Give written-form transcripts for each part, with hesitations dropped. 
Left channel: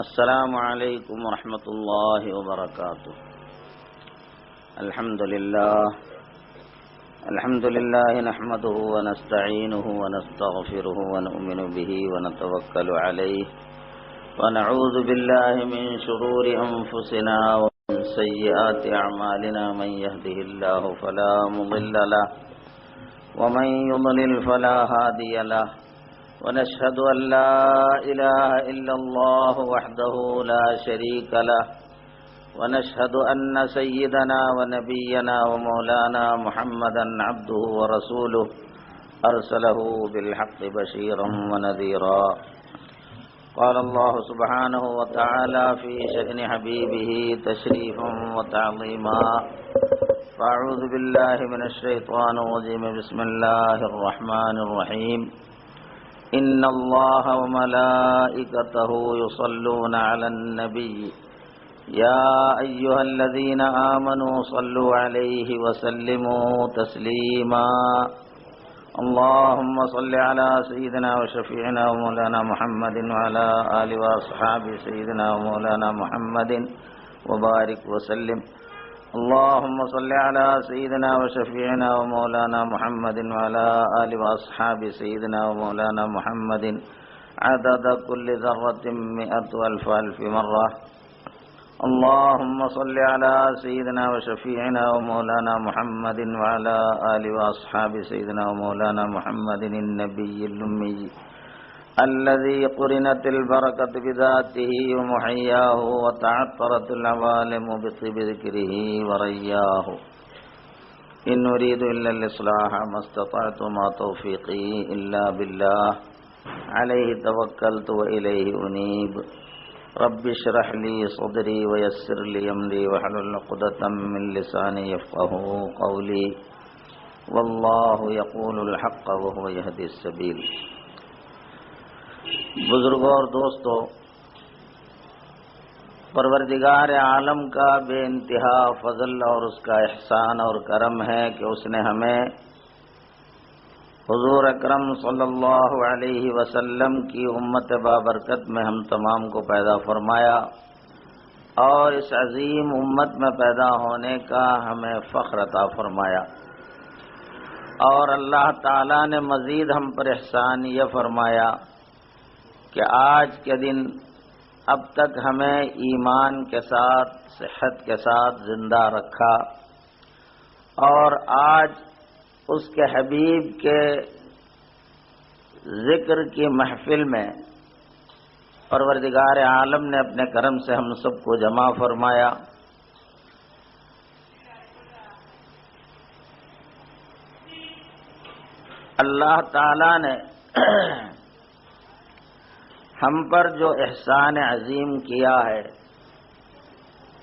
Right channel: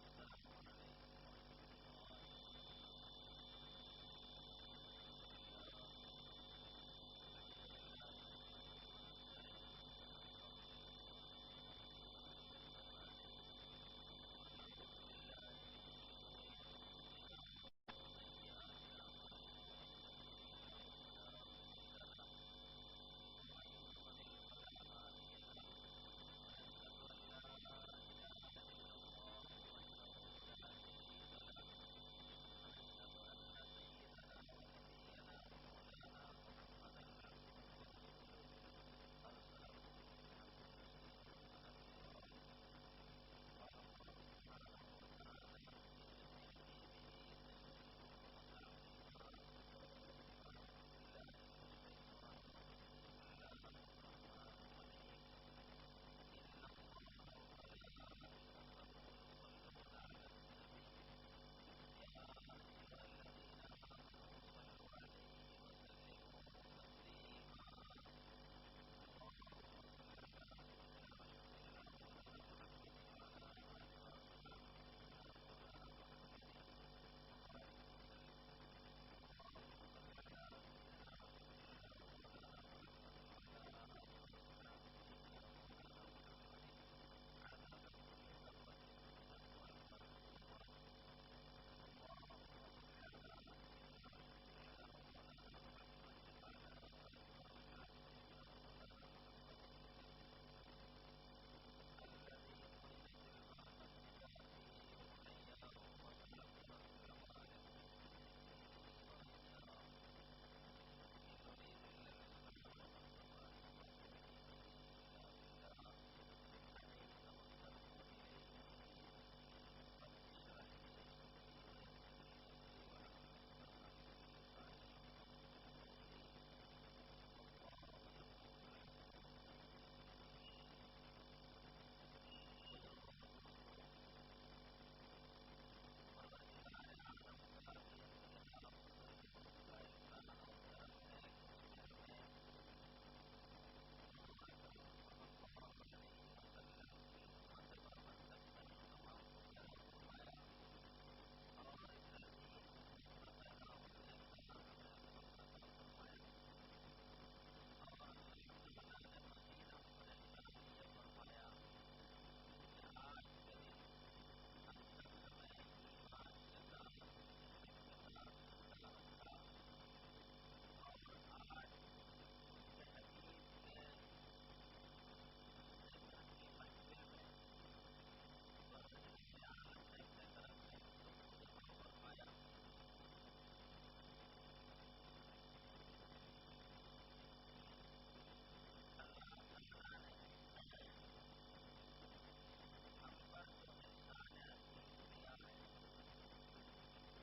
السلام علیکم ورحمۃ اللہ وبرکاتہ۔ الحمد للہ نحمده ونستعینه ونستغفره ونؤمن به ونتوکل علیہ ونعوذ باللہ من شرور انفسنا ومن سیئات اعمالنا، من يهده الله فلا مضل له ومن يضلل فلا هادي له، ونشهد أن لا إله إلا الله وحده لا شريك له، ونشهد أن سيدنا ونبينا ومولانا محمدا عبده ورسوله أرسله بالحق بشيرا ونذيرا۔ قال الله سبحانه وتعالى في شأن حبيبه تشريفا وتعظيما، فأعوذ بالله من الشيطان الرجيم، بسم الله الرحمن الرحيم۔ إن الله وملائكته يصلون على النبي يا أيها الذين آمنوا صلوا عليه وسلموا تسليما۔ اللهم صل على سيدنا وشفيعنا ومولانا محمد وعلى آل وأصحاب سيدنا ومولانا محمد وبارك وسلم۔ اللهم صل على سيدنا وشفيعنا ومولانا محمد وعلى آل وأصحاب سيدنا ومولانا محمد عدد كل ذرة 100,000 مرة۔ اللهم صل على سيدنا وشفيعنا ومولانا محمد وعلى آل وأصحاب سيدنا ومولانا محمد النبي الأمي الذي قرنت البركة بذاته ومحياه وتعطرت العوالم بطيب ذكره ورياه۔ إن أريد إلا الإصلاح ما استطعت، ما توفيقي إلا بالله، عليه توكلت وإليه أنيب۔ رب اشرح لي صدري ويسر لي أمري واحلل عقدة من لساني يفقهوا قولي، والله يقول الحق وهو يهدي السبيل۔ بزرگوں اور دوستو، پروردگار عالم کا بے انتہا فضل اور اس کا احسان اور کرم ہے کہ اس نے ہمیں حضور اکرم صلی اللہ علیہ وسلم کی امت بابرکت میں ہم تمام کو پیدا فرمایا، اور اس عظیم امت میں پیدا ہونے کا ہمیں فخر عطا فرمایا۔ اور اللہ تعالیٰ نے مزید ہم پر احسان یہ فرمایا کہ آج کے دن اب تک ہمیں ایمان کے ساتھ، صحت کے ساتھ زندہ رکھا، اور آج اس کے حبیب کے ذکر کی محفل میں پروردگار عالم نے اپنے کرم سے ہم سب کو جمع فرمایا۔ اللہ تعالی نے ہم پر جو احسان عظیم کیا ہے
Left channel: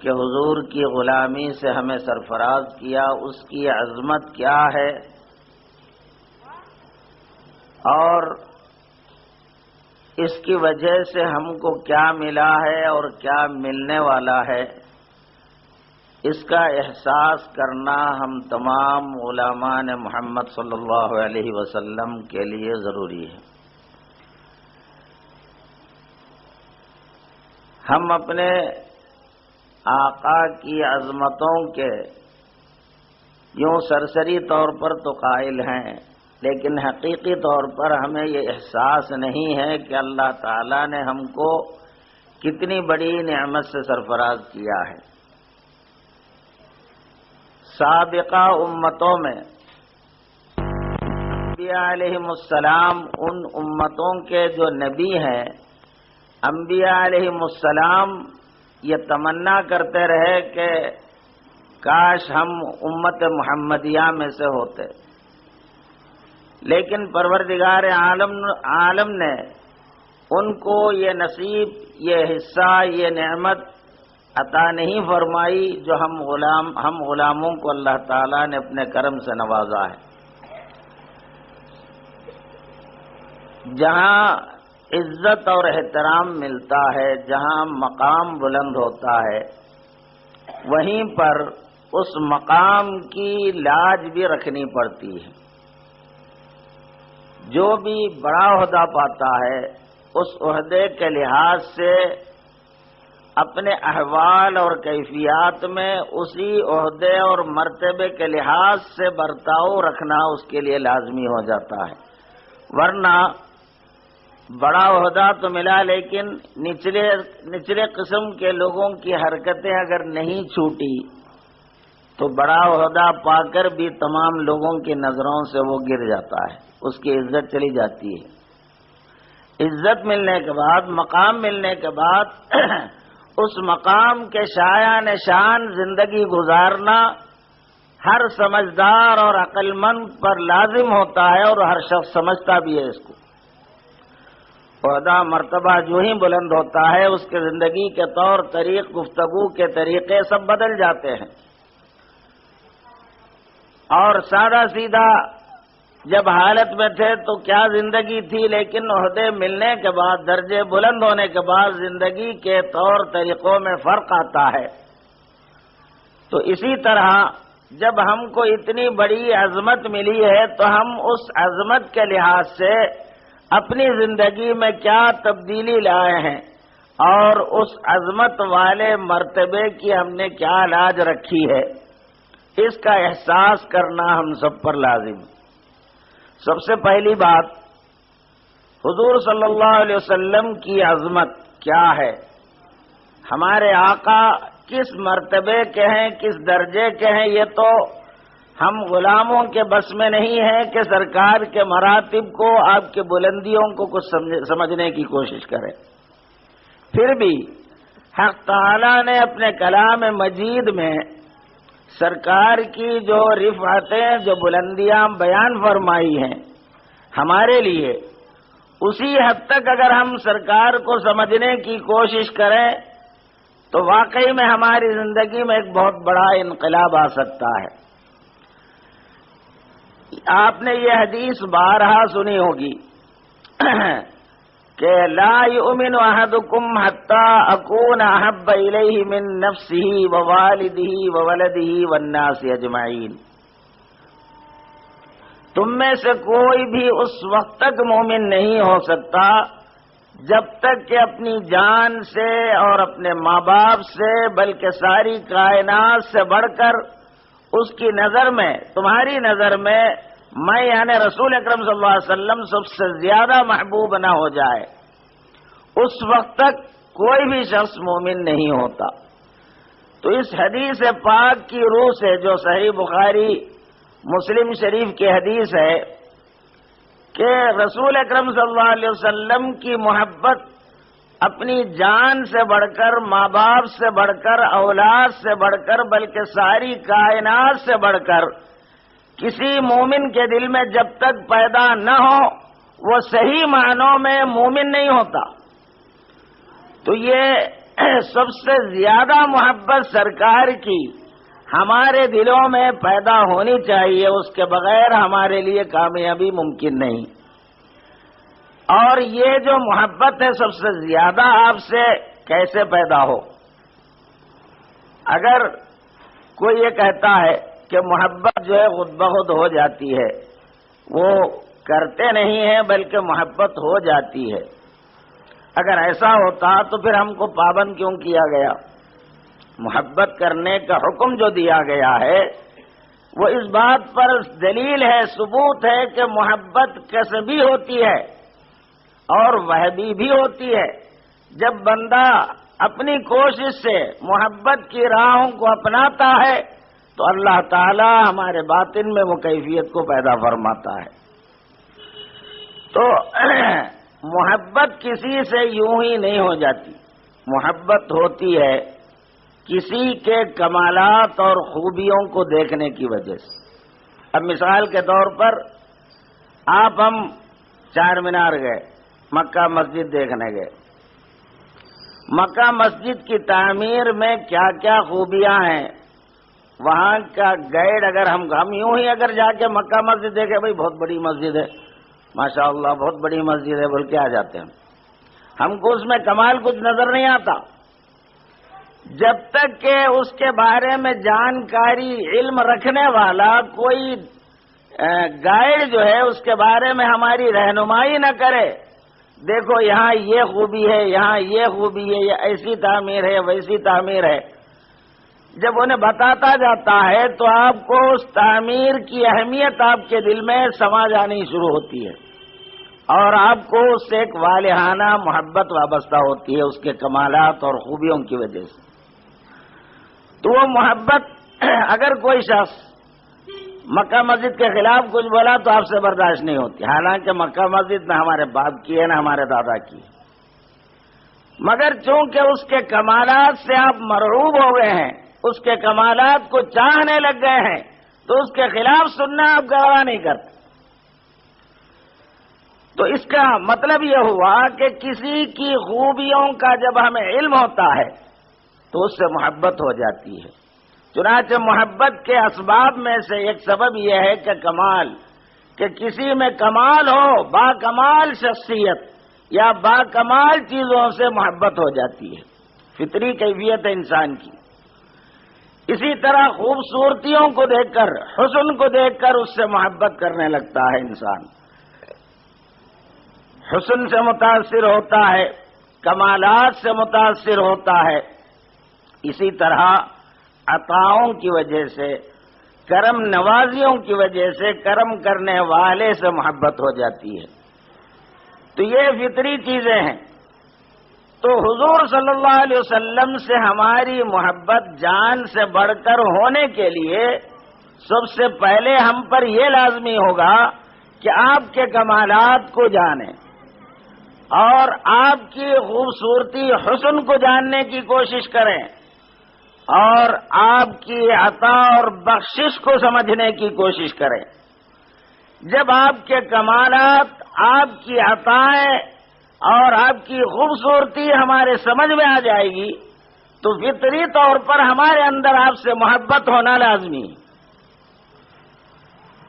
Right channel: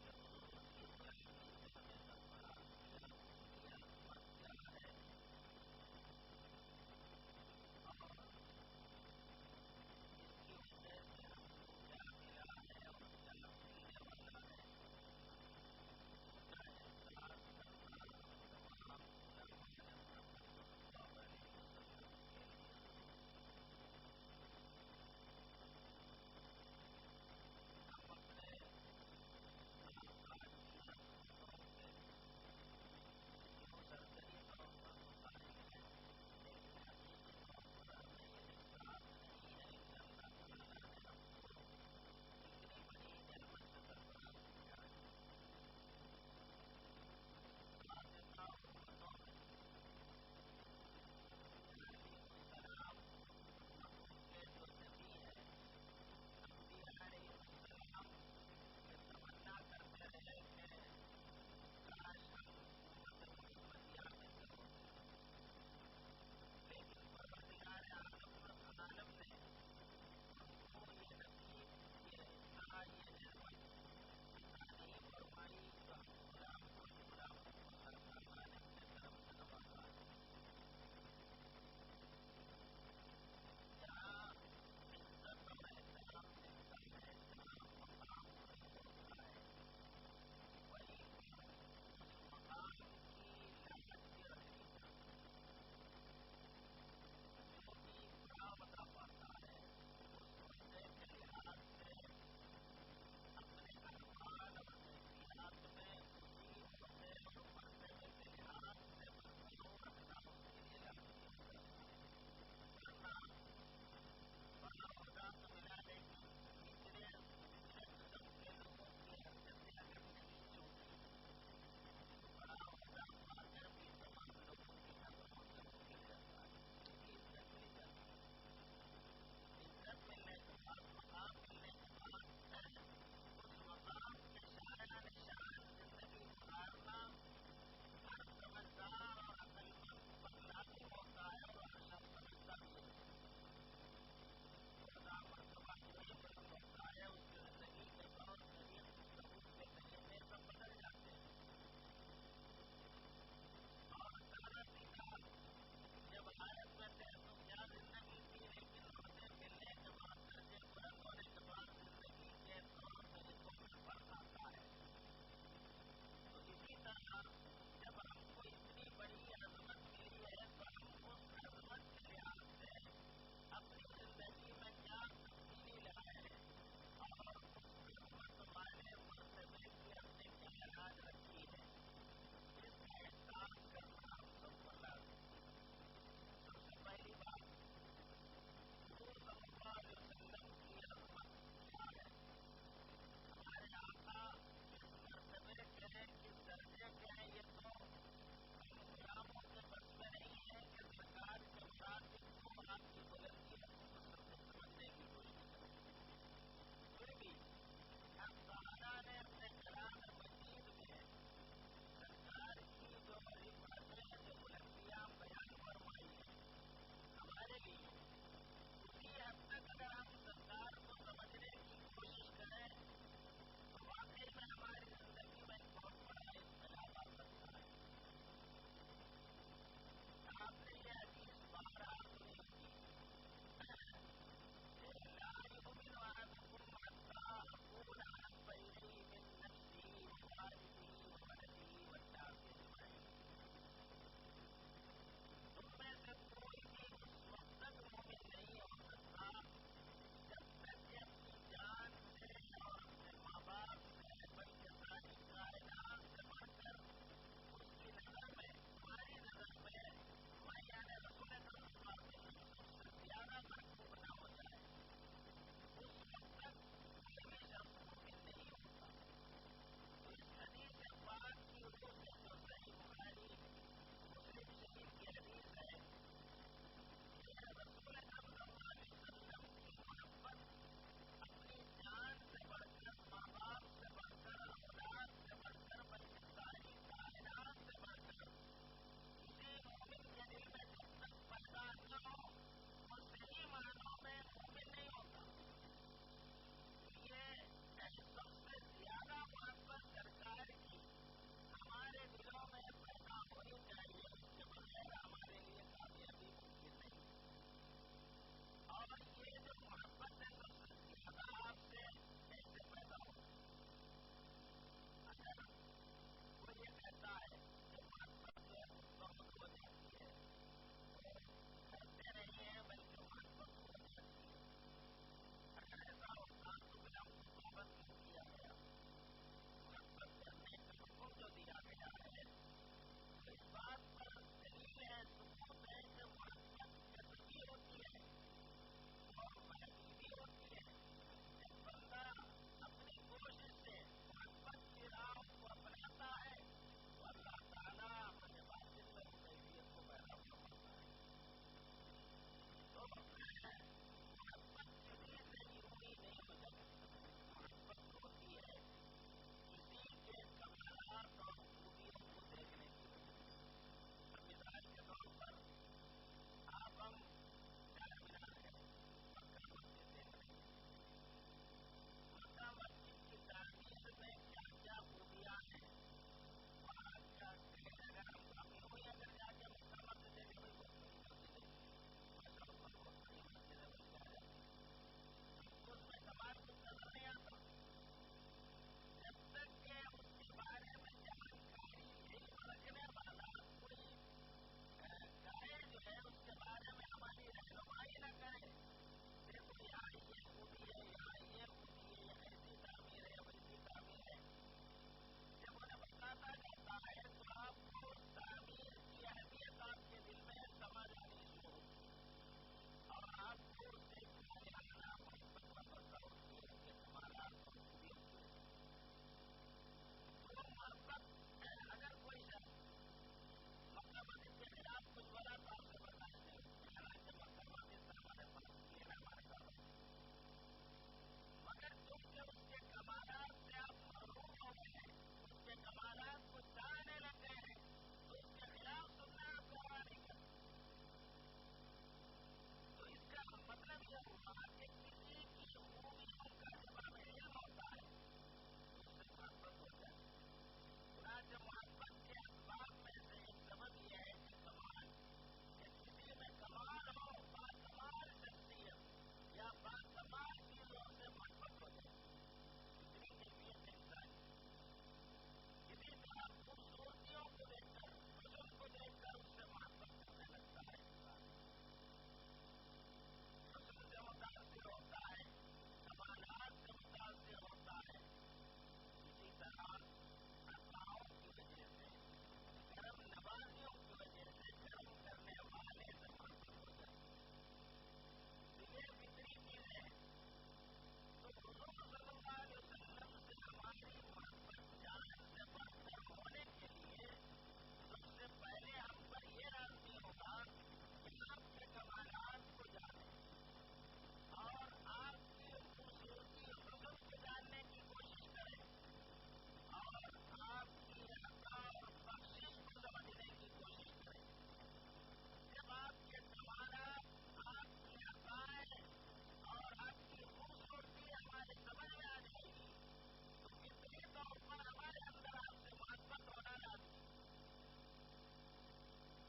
کہ حضور کی غلامی سے ہمیں سرفراز کیا، اس کی عظمت کیا ہے اور اس کی وجہ سے ہم کو کیا ملا ہے اور کیا ملنے والا ہے، اس کا احساس کرنا ہم تمام غلامان محمد صلی اللہ علیہ وسلم کے لیے ضروری ہے۔ ہم اپنے آقا کی عظمتوں کے یوں سرسری طور پر تو قائل ہیں، لیکن حقیقی طور پر ہمیں یہ احساس نہیں ہے کہ اللہ تعالیٰ نے ہم کو کتنی بڑی نعمت سے سرفراز کیا ہے۔ سابقہ امتوں میں انبیاء علیہم السلام ان امتوں کے جو نبی ہیں، انبیاء علیہم السلام یہ تمنا کرتے رہے کہ کاش ہم امت محمدیہ میں سے ہوتے، لیکن پروردگار عالم نے ان کو یہ نصیب، یہ حصہ، یہ نعمت عطا نہیں فرمائی جو ہم غلاموں کو اللہ تعالیٰ نے اپنے کرم سے نوازا ہے۔ جہاں عزت اور احترام ملتا ہے، جہاں مقام بلند ہوتا ہے، وہیں پر اس مقام کی لاج بھی رکھنی پڑتی ہے۔ جو بھی بڑا عہدہ پاتا ہے اس عہدے کے لحاظ سے اپنے احوال اور کیفیات میں اسی عہدے اور مرتبے کے لحاظ سے برتاؤ رکھنا اس کے لیے لازمی ہو جاتا ہے، ورنہ بڑا عہدہ تو ملا لیکن نچلے قسم کے لوگوں کی حرکتیں اگر نہیں چھوٹی تو بڑا عہدہ پا کر بھی تمام لوگوں کی نظروں سے وہ گر جاتا ہے، اس کی عزت چلی جاتی ہے۔ عزت ملنے کے بعد، مقام ملنے کے بعد اس مقام کے شایان شان زندگی گزارنا ہر سمجھدار اور عقل مند پر لازم ہوتا ہے، اور ہر شخص سمجھتا بھی ہے اس کو۔ عہدہ مرتبہ جو ہی بلند ہوتا ہے اس کے زندگی کے طور طریق، گفتگو کے طریقے سب بدل جاتے ہیں، اور سادہ سیدھا جب حالت میں تھے تو کیا زندگی تھی، لیکن عہدے ملنے کے بعد، درجے بلند ہونے کے بعد زندگی کے طور طریقوں میں فرق آتا ہے۔ تو اسی طرح جب ہم کو اتنی بڑی عظمت ملی ہے تو ہم اس عظمت کے لحاظ سے اپنی زندگی میں کیا تبدیلی لائے ہیں، اور اس عظمت والے مرتبے کی ہم نے کیا لاج رکھی ہے، اس کا احساس کرنا ہم سب پر لازم ہے۔ سب سے پہلی بات، حضور صلی اللہ علیہ وسلم کی عظمت کیا ہے، ہمارے آقا کس مرتبے کے ہیں، کس درجے کے ہیں، یہ تو ہم غلاموں کے بس میں نہیں ہے کہ سرکار کے مراتب کو، آپ کے بلندیوں کو کچھ سمجھنے کی کوشش کریں۔ پھر بھی حق تعالی نے اپنے کلام مجید میں سرکار کی جو رفعتیں، جو بلندیاں بیان فرمائی ہیں ہمارے لیے، اسی حد تک اگر ہم سرکار کو سمجھنے کی کوشش کریں تو واقعی میں ہماری زندگی میں ایک بہت بڑا انقلاب آ سکتا ہے۔ آپ نے یہ حدیث بارہا سنی ہوگی کہ لا یؤمن احدکم حتی اکون احب الیہ من نفسہ ووالدہ وولدہ والناس اجمعین، تم میں سے کوئی بھی اس وقت تک مومن نہیں ہو سکتا جب تک کہ اپنی جان سے اور اپنے ماں باپ سے، بلکہ ساری کائنات سے بڑھ کر اس کی نظر میں، تمہاری نظر میں میں یعنی رسول اکرم صلی اللہ علیہ وسلم سب سے زیادہ محبوب نہ ہو جائے، اس وقت تک کوئی بھی شخص مومن نہیں ہوتا۔ تو اس حدیث پاک کی روح سے، جو صحیح بخاری مسلم شریف کی حدیث ہے کہ رسول اکرم صلی اللہ علیہ وسلم کی محبت اپنی جان سے بڑھ کر، ماں باپ سے بڑھ کر، اولاد سے بڑھ کر، بلکہ ساری کائنات سے بڑھ کر کسی مومن کے دل میں جب تک پیدا نہ ہو وہ صحیح معنوں میں مومن نہیں ہوتا۔ تو یہ سب سے زیادہ محبت سرکار کی ہمارے دلوں میں پیدا ہونی چاہیے، اس کے بغیر ہمارے لیے کامیابی ممکن نہیں۔ اور یہ جو محبت ہے سب سے زیادہ آپ سے کیسے پیدا ہو؟ اگر کوئی یہ کہتا ہے کہ محبت جو ہے خود بخود ہو جاتی ہے، وہ کرتے نہیں ہیں بلکہ محبت ہو جاتی ہے، اگر ایسا ہوتا تو پھر ہم کو پابند کیوں کیا گیا؟ محبت کرنے کا حکم جو دیا گیا ہے وہ اس بات پر دلیل ہے، ثبوت ہے کہ محبت کسبی ہوتی ہے اور وحبی بھی ہوتی ہے۔ جب بندہ اپنی کوشش سے محبت کی راہوں کو اپناتا ہے تو اللہ تعالی ہمارے باطن میں وہ کیفیت کو پیدا فرماتا ہے۔ تو محبت کسی سے یوں ہی نہیں ہو جاتی، محبت ہوتی ہے کسی کے کمالات اور خوبیوں کو دیکھنے کی وجہ سے۔ اب مثال کے طور پر ہم چار مینار گئے، مکہ مسجد دیکھنے گئے، مکہ مسجد کی تعمیر میں کیا کیا خوبیاں ہیں، وہاں کا گائیڈ اگر ہم یوں ہی اگر جا کے مکہ مسجد دیکھے، بھائی بہت بڑی مسجد ہے، ماشاءاللہ بہت بڑی مسجد ہے بول کے آ جاتے ہیں، ہم کو اس میں کمال کچھ نظر نہیں آتا۔ جب تک کہ اس کے بارے میں جانکاری، علم رکھنے والا کوئی گائیڈ جو ہے اس کے بارے میں ہماری رہنمائی نہ کرے، دیکھو یہاں یہ خوبی ہے، یہاں یہ خوبی ہے، یہ ایسی تعمیر ہے، ویسی تعمیر ہے، جب انہیں بتاتا جاتا ہے تو آپ کو اس تعمیر کی اہمیت آپ کے دل میں سما جانی شروع ہوتی ہے، اور آپ کو اس سے ایک والہانہ محبت وابستہ ہوتی ہے اس کے کمالات اور خوبیوں کی وجہ سے۔ تو وہ محبت اگر کوئی شخص مکہ مسجد کے خلاف کچھ بولا تو آپ سے برداشت نہیں ہوتی، حالانکہ مکہ مسجد نہ ہمارے باپ کی ہے نہ ہمارے دادا کی ہے، مگر چونکہ اس کے کمالات سے آپ مرعوب ہو گئے ہیں، اس کے کمالات کو چاہنے لگ گئے ہیں، تو اس کے خلاف سننا آپ گوارا نہیں کرتے۔ تو اس کا مطلب یہ ہوا کہ کسی کی خوبیوں کا جب ہمیں علم ہوتا ہے تو اس سے محبت ہو جاتی ہے۔ چنانچہ محبت کے اسباب میں سے ایک سبب یہ ہے کہ کمال، کہ کسی میں کمال ہو، با کمال شخصیت یا با کمال چیزوں سے محبت ہو جاتی ہے، فطری کیفیت ہے انسان کی۔ اسی طرح خوبصورتیوں کو دیکھ کر، حسن کو دیکھ کر اس سے محبت کرنے لگتا ہے انسان، حسن سے متاثر ہوتا ہے، کمالات سے متاثر ہوتا ہے۔ اسی طرح عطاؤں کی وجہ سے، کرم نوازیوں کی وجہ سے، کرم کرنے والے سے محبت ہو جاتی ہے۔ تو یہ فطری چیزیں ہیں۔ تو حضور صلی اللہ علیہ وسلم سے ہماری محبت جان سے بڑھ کر ہونے کے لیے سب سے پہلے ہم پر یہ لازمی ہوگا کہ آپ کے کمالات کو جانیں اور آپ کی خوبصورتی حسن کو جاننے کی کوشش کریں اور آپ کی عطا اور بخشش کو سمجھنے کی کوشش کریں۔ جب آپ کے کمالات، آپ کی عطائیں اور آپ کی خوبصورتی ہمارے سمجھ میں آ جائے گی تو فطری طور پر ہمارے اندر آپ سے محبت ہونا لازمی ہے۔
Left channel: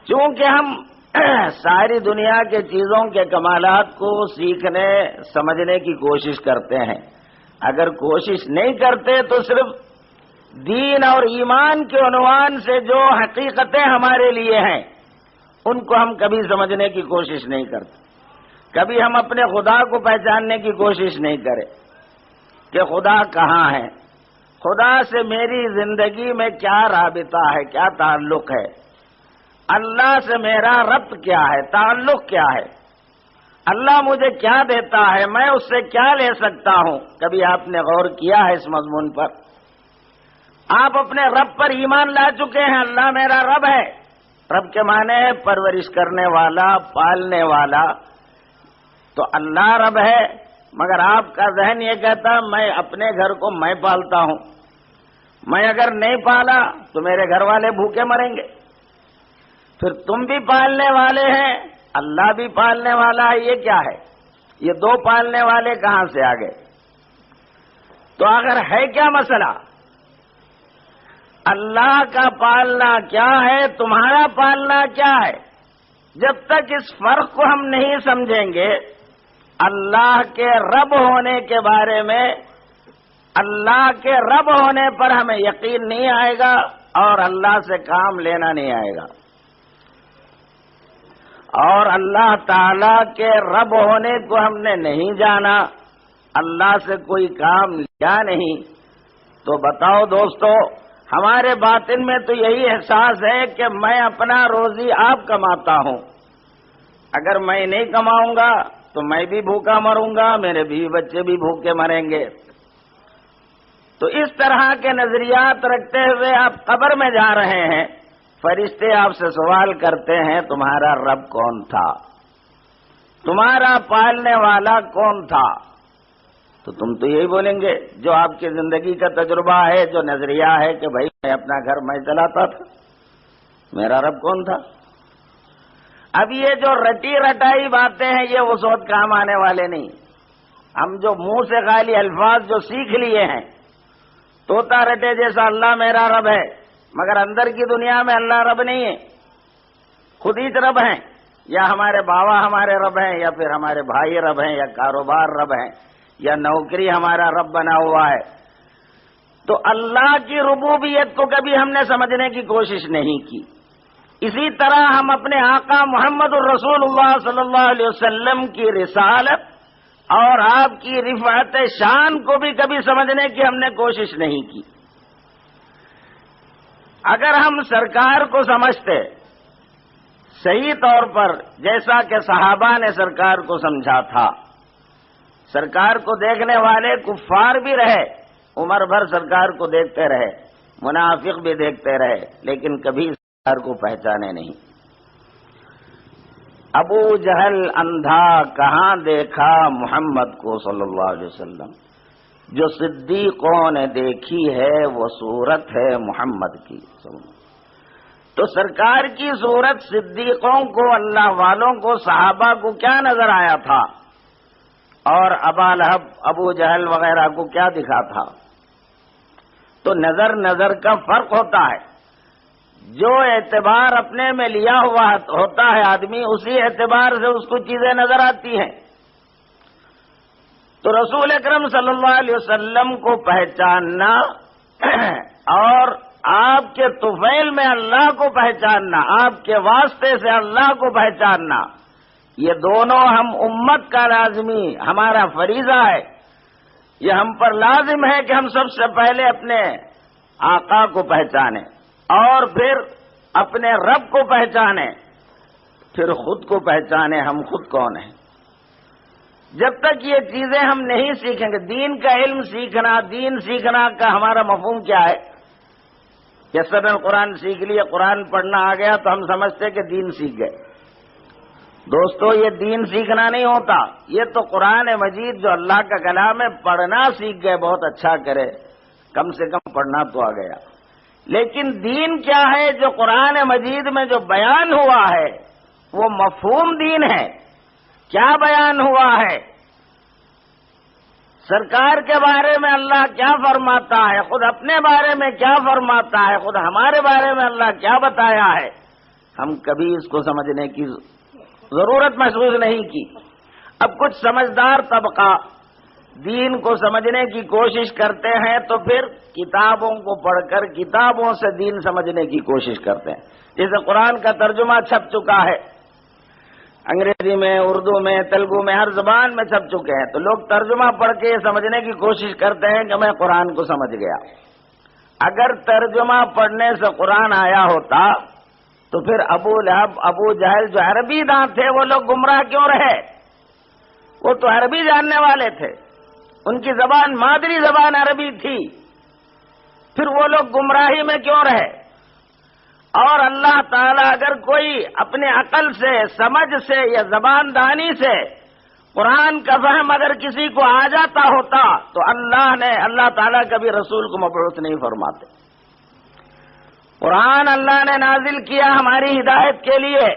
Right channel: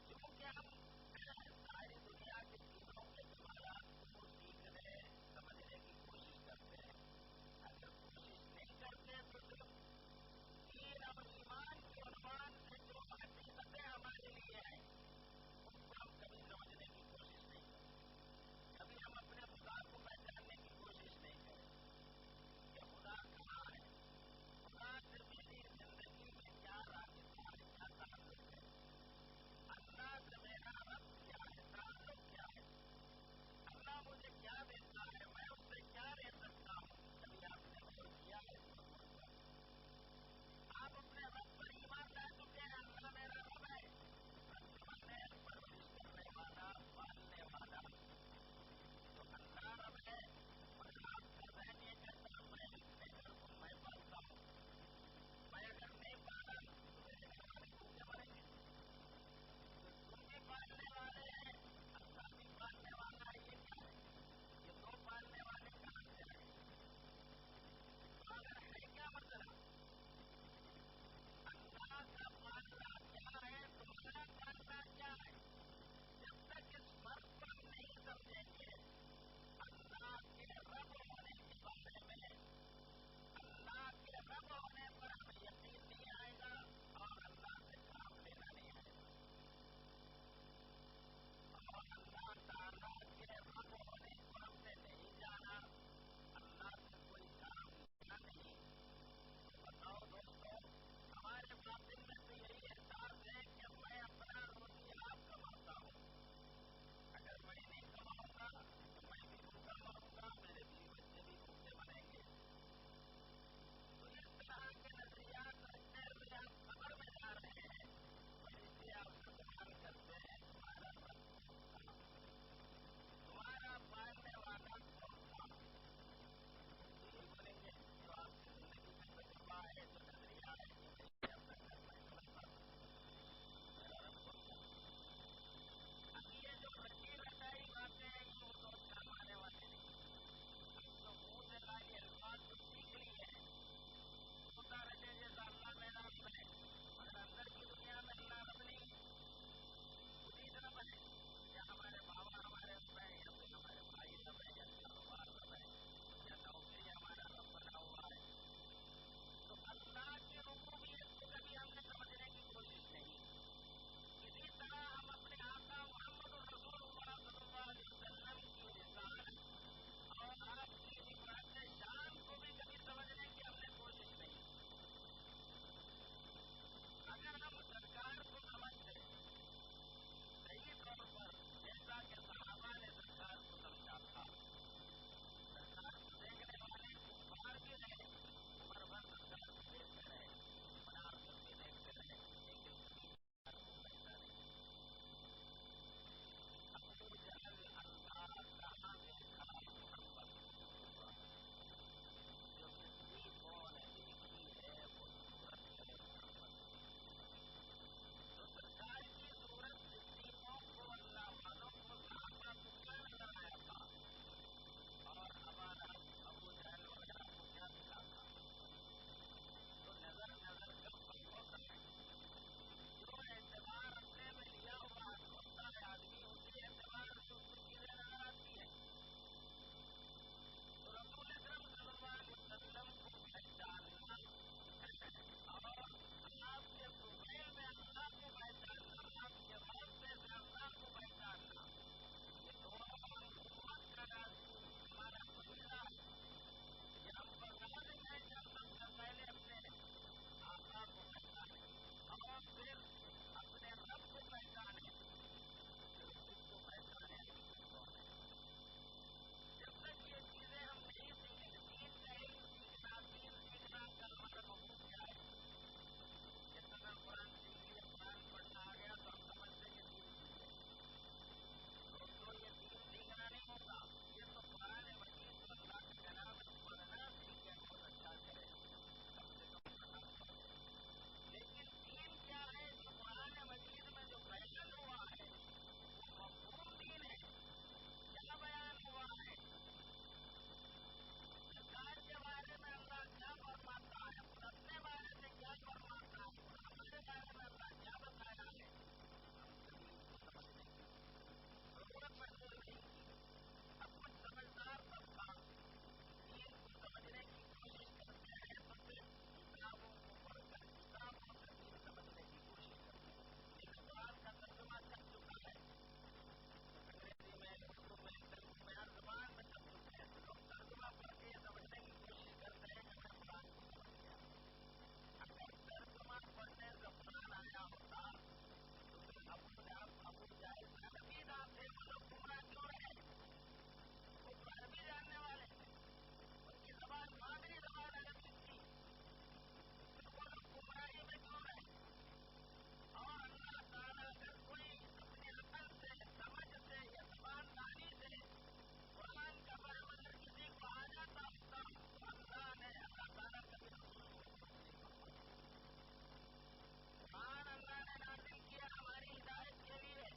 چونکہ ہم ساری دنیا کے چیزوں کے کمالات کو سیکھنے سمجھنے کی کوشش کرتے ہیں، اگر کوشش نہیں کرتے تو صرف دین اور ایمان کے عنوان سے جو حقیقتیں ہمارے لیے ہیں ان کو ہم کبھی سمجھنے کی کوشش نہیں کرتے۔ کبھی ہم اپنے خدا کو پہچاننے کی کوشش نہیں کریں کہ خدا کہاں ہے، خدا سے میری زندگی میں کیا رابطہ ہے، کیا تعلق ہے، اللہ سے میرا ربط کیا ہے، تعلق کیا ہے، اللہ مجھے کیا دیتا ہے، میں اس سے کیا لے سکتا ہوں۔ کبھی آپ نے غور کیا ہے اس مضمون پر؟ آپ اپنے رب پر ایمان لا چکے ہیں، اللہ میرا رب ہے۔ رب کے معنی ہے پرورش کرنے والا، پالنے والا، تو اللہ رب ہے، مگر آپ کا ذہن یہ کہتا میں اپنے گھر کو میں پالتا ہوں، میں اگر نہیں پالا تو میرے گھر والے بھوکے مریں گے۔ پھر تم بھی پالنے والے ہیں، اللہ بھی پالنے والا ہے، یہ کیا ہے؟ یہ دو پالنے والے کہاں سے آ گئے؟ تو اگر ہے کیا مسئلہ؟ اللہ کا پالنا کیا ہے، تمہارا پالنا کیا ہے؟ جب تک اس فرق کو ہم نہیں سمجھیں گے، اللہ کے رب ہونے کے بارے میں، اللہ کے رب ہونے پر ہمیں یقین نہیں آئے گا اور اللہ سے کام لینا نہیں آئے گا، اور اللہ تعالی کے رب ہونے کو ہم نے نہیں جانا، اللہ سے کوئی کام لیا نہیں، تو بتاؤ دوستو، ہمارے باطن میں تو یہی احساس ہے کہ میں اپنا روزی آپ کماتا ہوں، اگر میں نہیں کماؤں گا تو میں بھی بھوکا مروں گا، میرے بیوی بچے بھی بھوکے مریں گے۔ تو اس طرح کے نظریات رکھتے ہوئے آپ قبر میں جا رہے ہیں، فرشتے آپ سے سوال کرتے ہیں تمہارا رب کون تھا، تمہارا پالنے والا کون تھا؟ تو تم تو یہی بولیں گے جو آپ کی زندگی کا تجربہ ہے، جو نظریہ ہے کہ بھائی میں اپنا گھر میں چلاتا تھا، میرا رب کون تھا؟ اب یہ جو رٹی رٹائی باتیں ہیں یہ اس وقت کام آنے والے نہیں۔ ہم جو منہ سے خالی الفاظ جو سیکھ لیے ہیں، طوطا رٹے جیسا اللہ میرا رب ہے، مگر اندر کی دنیا میں اللہ رب نہیں ہے، خود ہی رب ہیں، یا ہمارے باوا ہمارے رب ہیں، یا پھر ہمارے بھائی رب ہیں، یا کاروبار رب ہیں، یا نوکری ہمارا رب بنا ہوا ہے۔ تو اللہ کی ربوبیت کو کبھی ہم نے سمجھنے کی کوشش نہیں کی۔ اسی طرح ہم اپنے آقا محمد الرسول اللہ صلی اللہ علیہ وسلم کی رسالت اور آپ کی رفعت شان کو بھی کبھی سمجھنے کی ہم نے کوشش نہیں کی۔ اگر ہم سرکار کو سمجھتے صحیح طور پر جیسا کہ صحابہ نے سرکار کو سمجھا تھا، سرکار کو دیکھنے والے کفار بھی رہے، عمر بھر سرکار کو دیکھتے رہے، منافق بھی دیکھتے رہے، لیکن کبھی سرکار کو پہچانے نہیں۔ ابو جہل اندھا کہاں دیکھا محمد کو صلی اللہ علیہ وسلم، جو صدیقوں نے دیکھی ہے وہ صورت ہے محمد کی۔ تو سرکار کی صورت صدیقوں کو، اللہ والوں کو، صحابہ کو کیا نظر آیا تھا، اور ابا لہب، ابو جہل وغیرہ کو کیا دکھا تھا؟ تو نظر نظر کا فرق ہوتا ہے۔ جو اعتبار اپنے میں لیا ہوا ہوتا ہے آدمی، اسی اعتبار سے اس کو چیزیں نظر آتی ہیں۔ تو رسول اکرم صلی اللہ علیہ وسلم کو پہچاننا اور آپ کے طفیل میں اللہ کو پہچاننا، آپ کے واسطے سے اللہ کو پہچاننا، یہ دونوں ہم امت کا لازمی ہمارا فریضہ ہے۔ یہ ہم پر لازم ہے کہ ہم سب سے پہلے اپنے آقا کو پہچانیں، اور پھر اپنے رب کو پہچانیں، پھر خود کو پہچانیں ہم خود کون ہیں۔ جب تک یہ چیزیں ہم نہیں سیکھیں گے، دین کا علم سیکھنا، دین سیکھنا کا ہمارا مفہوم کیا ہے؟ جیسے قرآن سیکھ لیے، قرآن پڑھنا آ گیا تو ہم سمجھتے کہ دین سیکھ گئے۔ دوستو، یہ دین سیکھنا نہیں ہوتا، یہ تو قرآن مجید جو اللہ کا کلام ہے پڑھنا سیکھ گئے، بہت اچھا کرے، کم سے کم پڑھنا تو آ گیا۔ لیکن دین کیا ہے؟ جو قرآن مجید میں جو بیان ہوا ہے وہ مفہوم دین ہے۔ کیا بیان ہوا ہے؟ سرکار کے بارے میں اللہ کیا فرماتا ہے، خود اپنے بارے میں کیا فرماتا ہے، خود ہمارے بارے میں اللہ کیا بتایا ہے، ہم کبھی اس کو سمجھنے کی ضرورت محسوس نہیں کی۔ اب کچھ سمجھدار طبقہ دین کو سمجھنے کی کوشش کرتے ہیں تو پھر کتابوں کو پڑھ کر کتابوں سے دین سمجھنے کی کوشش کرتے ہیں۔ جیسے قرآن کا ترجمہ چھپ چکا ہے، انگریزی میں، اردو میں، تیلگو میں، ہر زبان میں چھپ چکے ہیں، تو لوگ ترجمہ پڑھ کے یہ سمجھنے کی کوشش کرتے ہیں کہ میں قرآن کو سمجھ گیا۔ اگر ترجمہ پڑھنے سے قرآن آیا ہوتا تو پھر ابو لہب، ابو جہل جو عربی داں تھے وہ لوگ گمراہ کیوں رہے؟ وہ تو عربی جاننے والے تھے، ان کی زبان مادری زبان عربی تھی، پھر وہ لوگ گمراہی میں کیوں رہے؟ اور اللہ تعالیٰ اگر کوئی اپنے عقل سے، سمجھ سے یا زبان دانی سے قرآن کا فہم اگر کسی کو آ جاتا ہوتا تو اللہ تعالیٰ کبھی رسول کو مبعوث نہیں فرماتے۔ قرآن اللہ نے نازل کیا ہماری ہدایت کے لیے،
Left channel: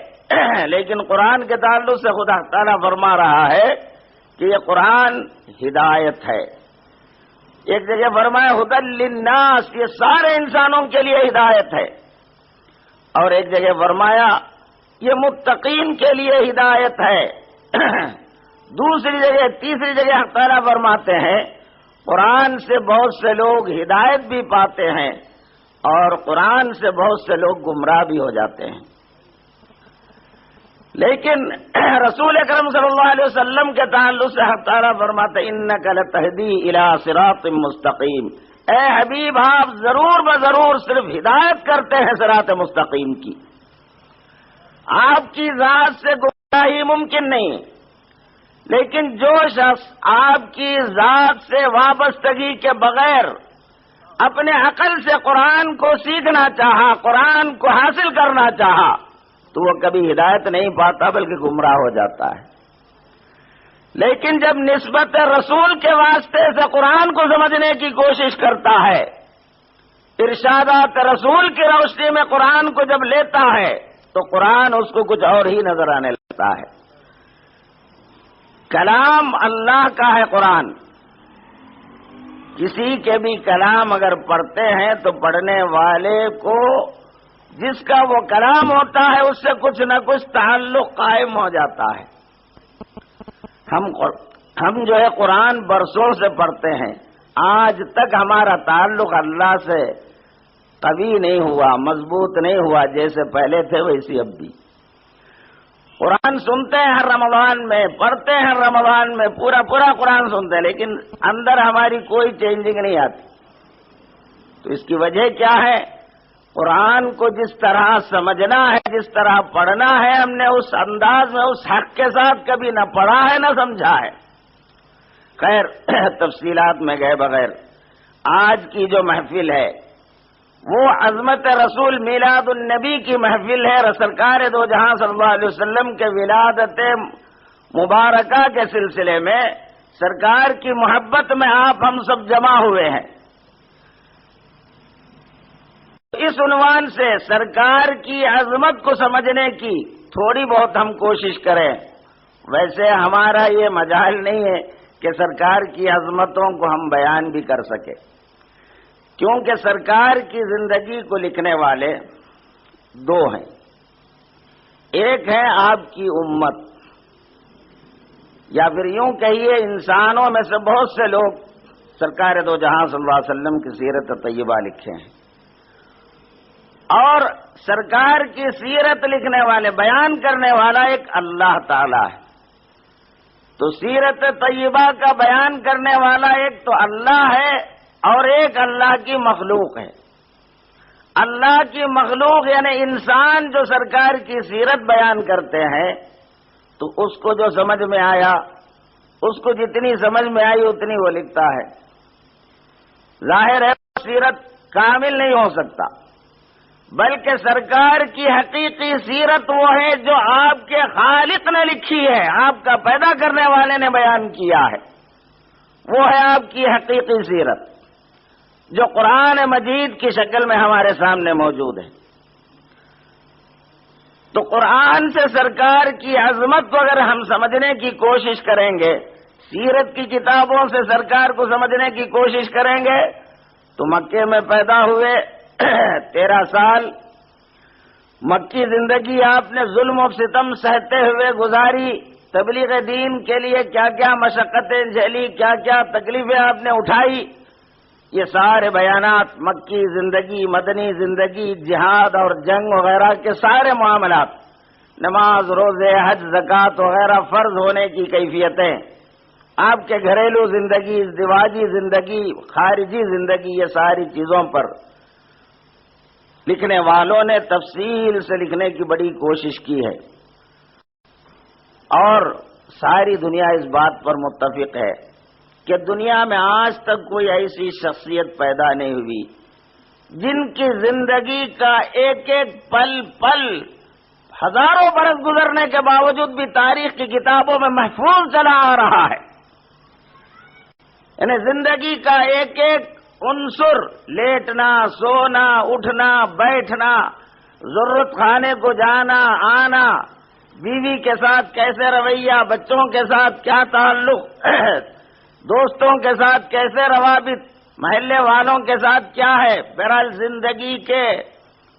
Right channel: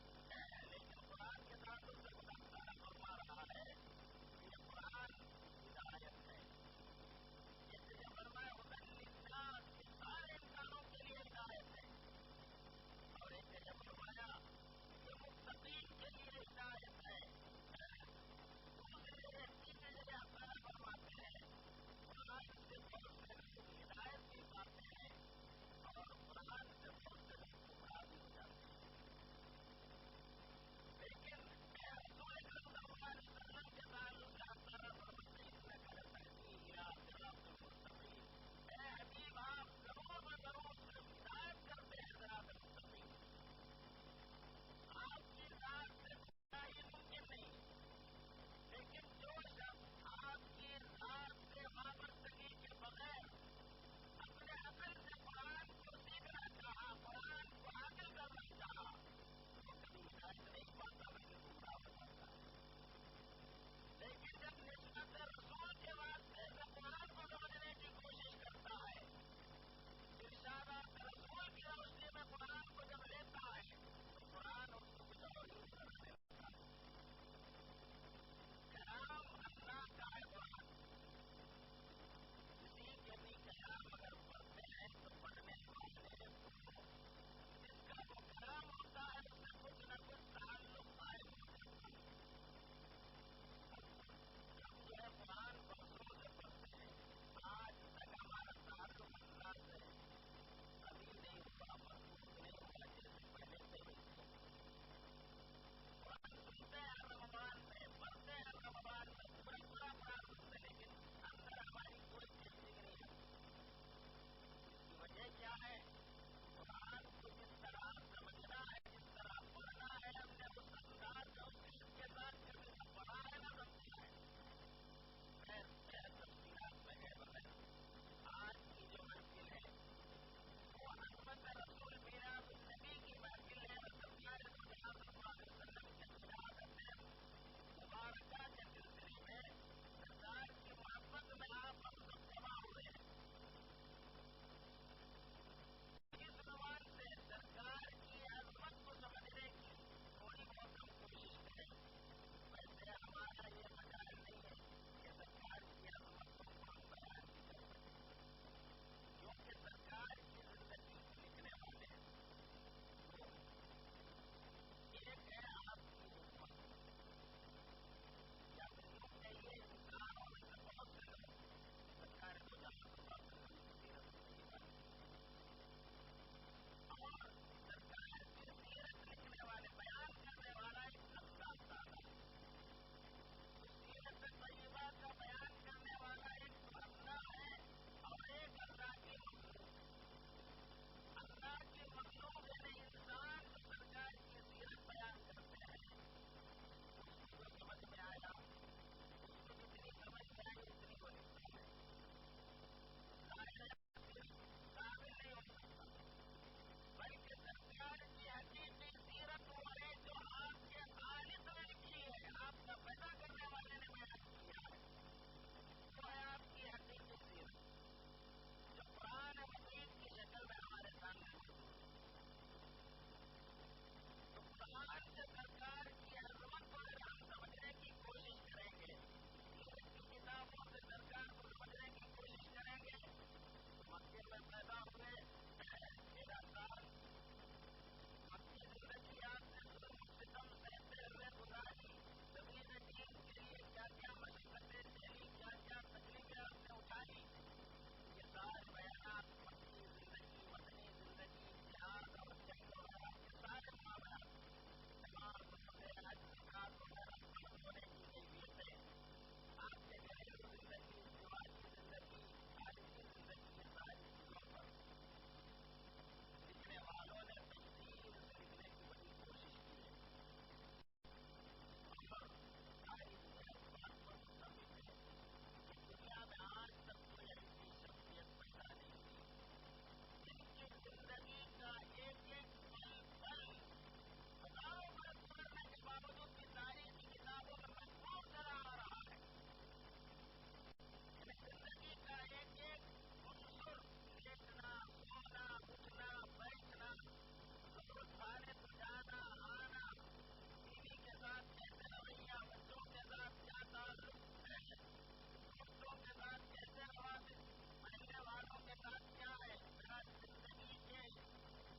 لیکن قرآن کے تعلق سے خدا تعالیٰ فرما رہا ہے کہ یہ قرآن ہدایت ہے۔ ایک جگہ فرمایا ھدی للناس، یہ سارے انسانوں کے لیے ہدایت ہے، اور ایک جگہ فرمایا یہ متقین کے لیے ہدایت ہے۔ دوسری جگہ، تیسری جگہ اللہ تعالیٰ فرماتے ہیں قرآن سے بہت سے لوگ ہدایت بھی پاتے ہیں اور قرآن سے بہت سے لوگ گمراہ بھی ہو جاتے ہیں۔ لیکن رسول اکرم صلی اللہ علیہ وسلم کے تعلق سے اللہ تعالیٰ فرماتے ہیں انک لتہدی الی صراط مستقیم، اے حبیب آپ ضرور بضرور صرف ہدایت کرتے ہیں صراط مستقیم کی، آپ کی ذات سے گمراہی ممکن نہیں۔ لیکن جو شخص آپ کی ذات سے وابستگی کے بغیر اپنے عقل سے قرآن کو سیکھنا چاہا، قرآن کو حاصل کرنا چاہا، تو وہ کبھی ہدایت نہیں پاتا بلکہ گمراہ ہو جاتا ہے۔ لیکن جب نسبت رسول کے واسطے سے قرآن کو سمجھنے کی کوشش کرتا ہے، ارشادات رسول کی روشنی میں قرآن کو جب لیتا ہے تو قرآن اس کو کچھ اور ہی نظر آنے لگتا ہے۔ کلام اللہ کا ہے قرآن، کسی کے بھی کلام اگر پڑھتے ہیں تو پڑھنے والے کو جس کا وہ کلام ہوتا ہے اس سے کچھ نہ کچھ تعلق قائم ہو جاتا ہے۔ ہم جو ہے قرآن برسوں سے پڑھتے ہیں، آج تک ہمارا تعلق اللہ سے قوی نہیں ہوا، مضبوط نہیں ہوا، جیسے پہلے تھے ویسی اب بھی۔ قرآن سنتے ہیں ہر رمضان میں، پڑھتے ہیں ہر رمضان میں، پورا قرآن سنتے ہیں، لیکن اندر ہماری کوئی چینجنگ نہیں آتی۔ تو اس کی وجہ کیا ہے؟ قرآن کو جس طرح سمجھنا ہے، جس طرح پڑھنا ہے، ہم نے اس انداز میں اس حق کے ساتھ کبھی نہ پڑھا ہے نہ سمجھا ہے۔ خیر، تفصیلات میں گئے بغیر آج کی جو محفل ہے وہ عظمت رسول میلاد النبی کی محفل ہے۔ سرکار دو جہاں صلی اللہ علیہ وسلم کے ولادت مبارکہ کے سلسلے میں سرکار کی محبت میں آپ ہم سب جمع ہوئے ہیں۔ اس عنوان سے سرکار کی عظمت کو سمجھنے کی تھوڑی بہت ہم کوشش کریں۔ ویسے ہمارا یہ مجال نہیں ہے کہ سرکار کی عظمتوں کو ہم بیان بھی کر سکیں، کیونکہ سرکار کی زندگی کو لکھنے والے دو ہیں۔ ایک ہے آپ کی امت، یا پھر یوں کہیے انسانوں میں سے بہت سے لوگ سرکار دو جہاں صلی اللہ علیہ وسلم کی سیرت طیبہ لکھے ہیں، اور سرکار کی سیرت لکھنے والے، بیان کرنے والا ایک اللہ تعالی ہے۔ تو سیرت طیبہ کا بیان کرنے والا ایک تو اللہ ہے اور ایک اللہ کی مخلوق ہے۔ اللہ کی مخلوق یعنی انسان جو سرکار کی سیرت بیان کرتے ہیں، تو اس کو جو سمجھ میں آیا، اس کو جتنی سمجھ میں آئی اتنی وہ لکھتا ہے۔ ظاہر ہے سیرت کامل نہیں ہو سکتا، بلکہ سرکار کی حقیقی سیرت وہ ہے جو آپ کے خالق نے لکھی ہے، آپ کا پیدا کرنے والے نے بیان کیا ہے، وہ ہے آپ کی حقیقی سیرت، جو قرآن مجید کی شکل میں ہمارے سامنے موجود ہے۔ تو قرآن سے سرکار کی عظمت کو اگر ہم سمجھنے کی کوشش کریں گے، سیرت کی کتابوں سے سرکار کو سمجھنے کی کوشش کریں گے، تو مکے میں پیدا ہوئے 13 سال مکی زندگی آپ نے ظلم و ستم سہتے ہوئے گزاری، تبلیغ دین کے لیے کیا کیا مشقتیں جھیلی، کیا کیا تکلیفیں آپ نے اٹھائی، یہ سارے بیانات مکی زندگی، مدنی زندگی، جہاد اور جنگ وغیرہ کے سارے معاملات، نماز، روزے، حج، زکوٰۃ وغیرہ فرض ہونے کی کیفیتیں، آپ کے گھریلو زندگی، ازدواجی زندگی، خارجی زندگی، یہ ساری چیزوں پر لکھنے والوں نے تفصیل سے لکھنے کی بڑی کوشش کی ہے، اور ساری دنیا اس بات پر متفق ہے کہ دنیا میں آج تک کوئی ایسی شخصیت پیدا نہیں ہوئی جن کی زندگی کا ایک ایک پل پل ہزاروں برس گزرنے کے باوجود بھی تاریخ کی کتابوں میں محفوظ چلا آ رہا ہے۔ یعنی زندگی کا ایک ایک عنصر، لیٹنا، سونا، اٹھنا، بیٹھنا، ضرورت خانے کو جانا آنا، بیوی کے ساتھ کیسے رویہ، بچوں کے ساتھ کیا تعلق، دوستوں کے ساتھ کیسے روابط، محلے والوں کے ساتھ کیا ہے، بہرحال زندگی کے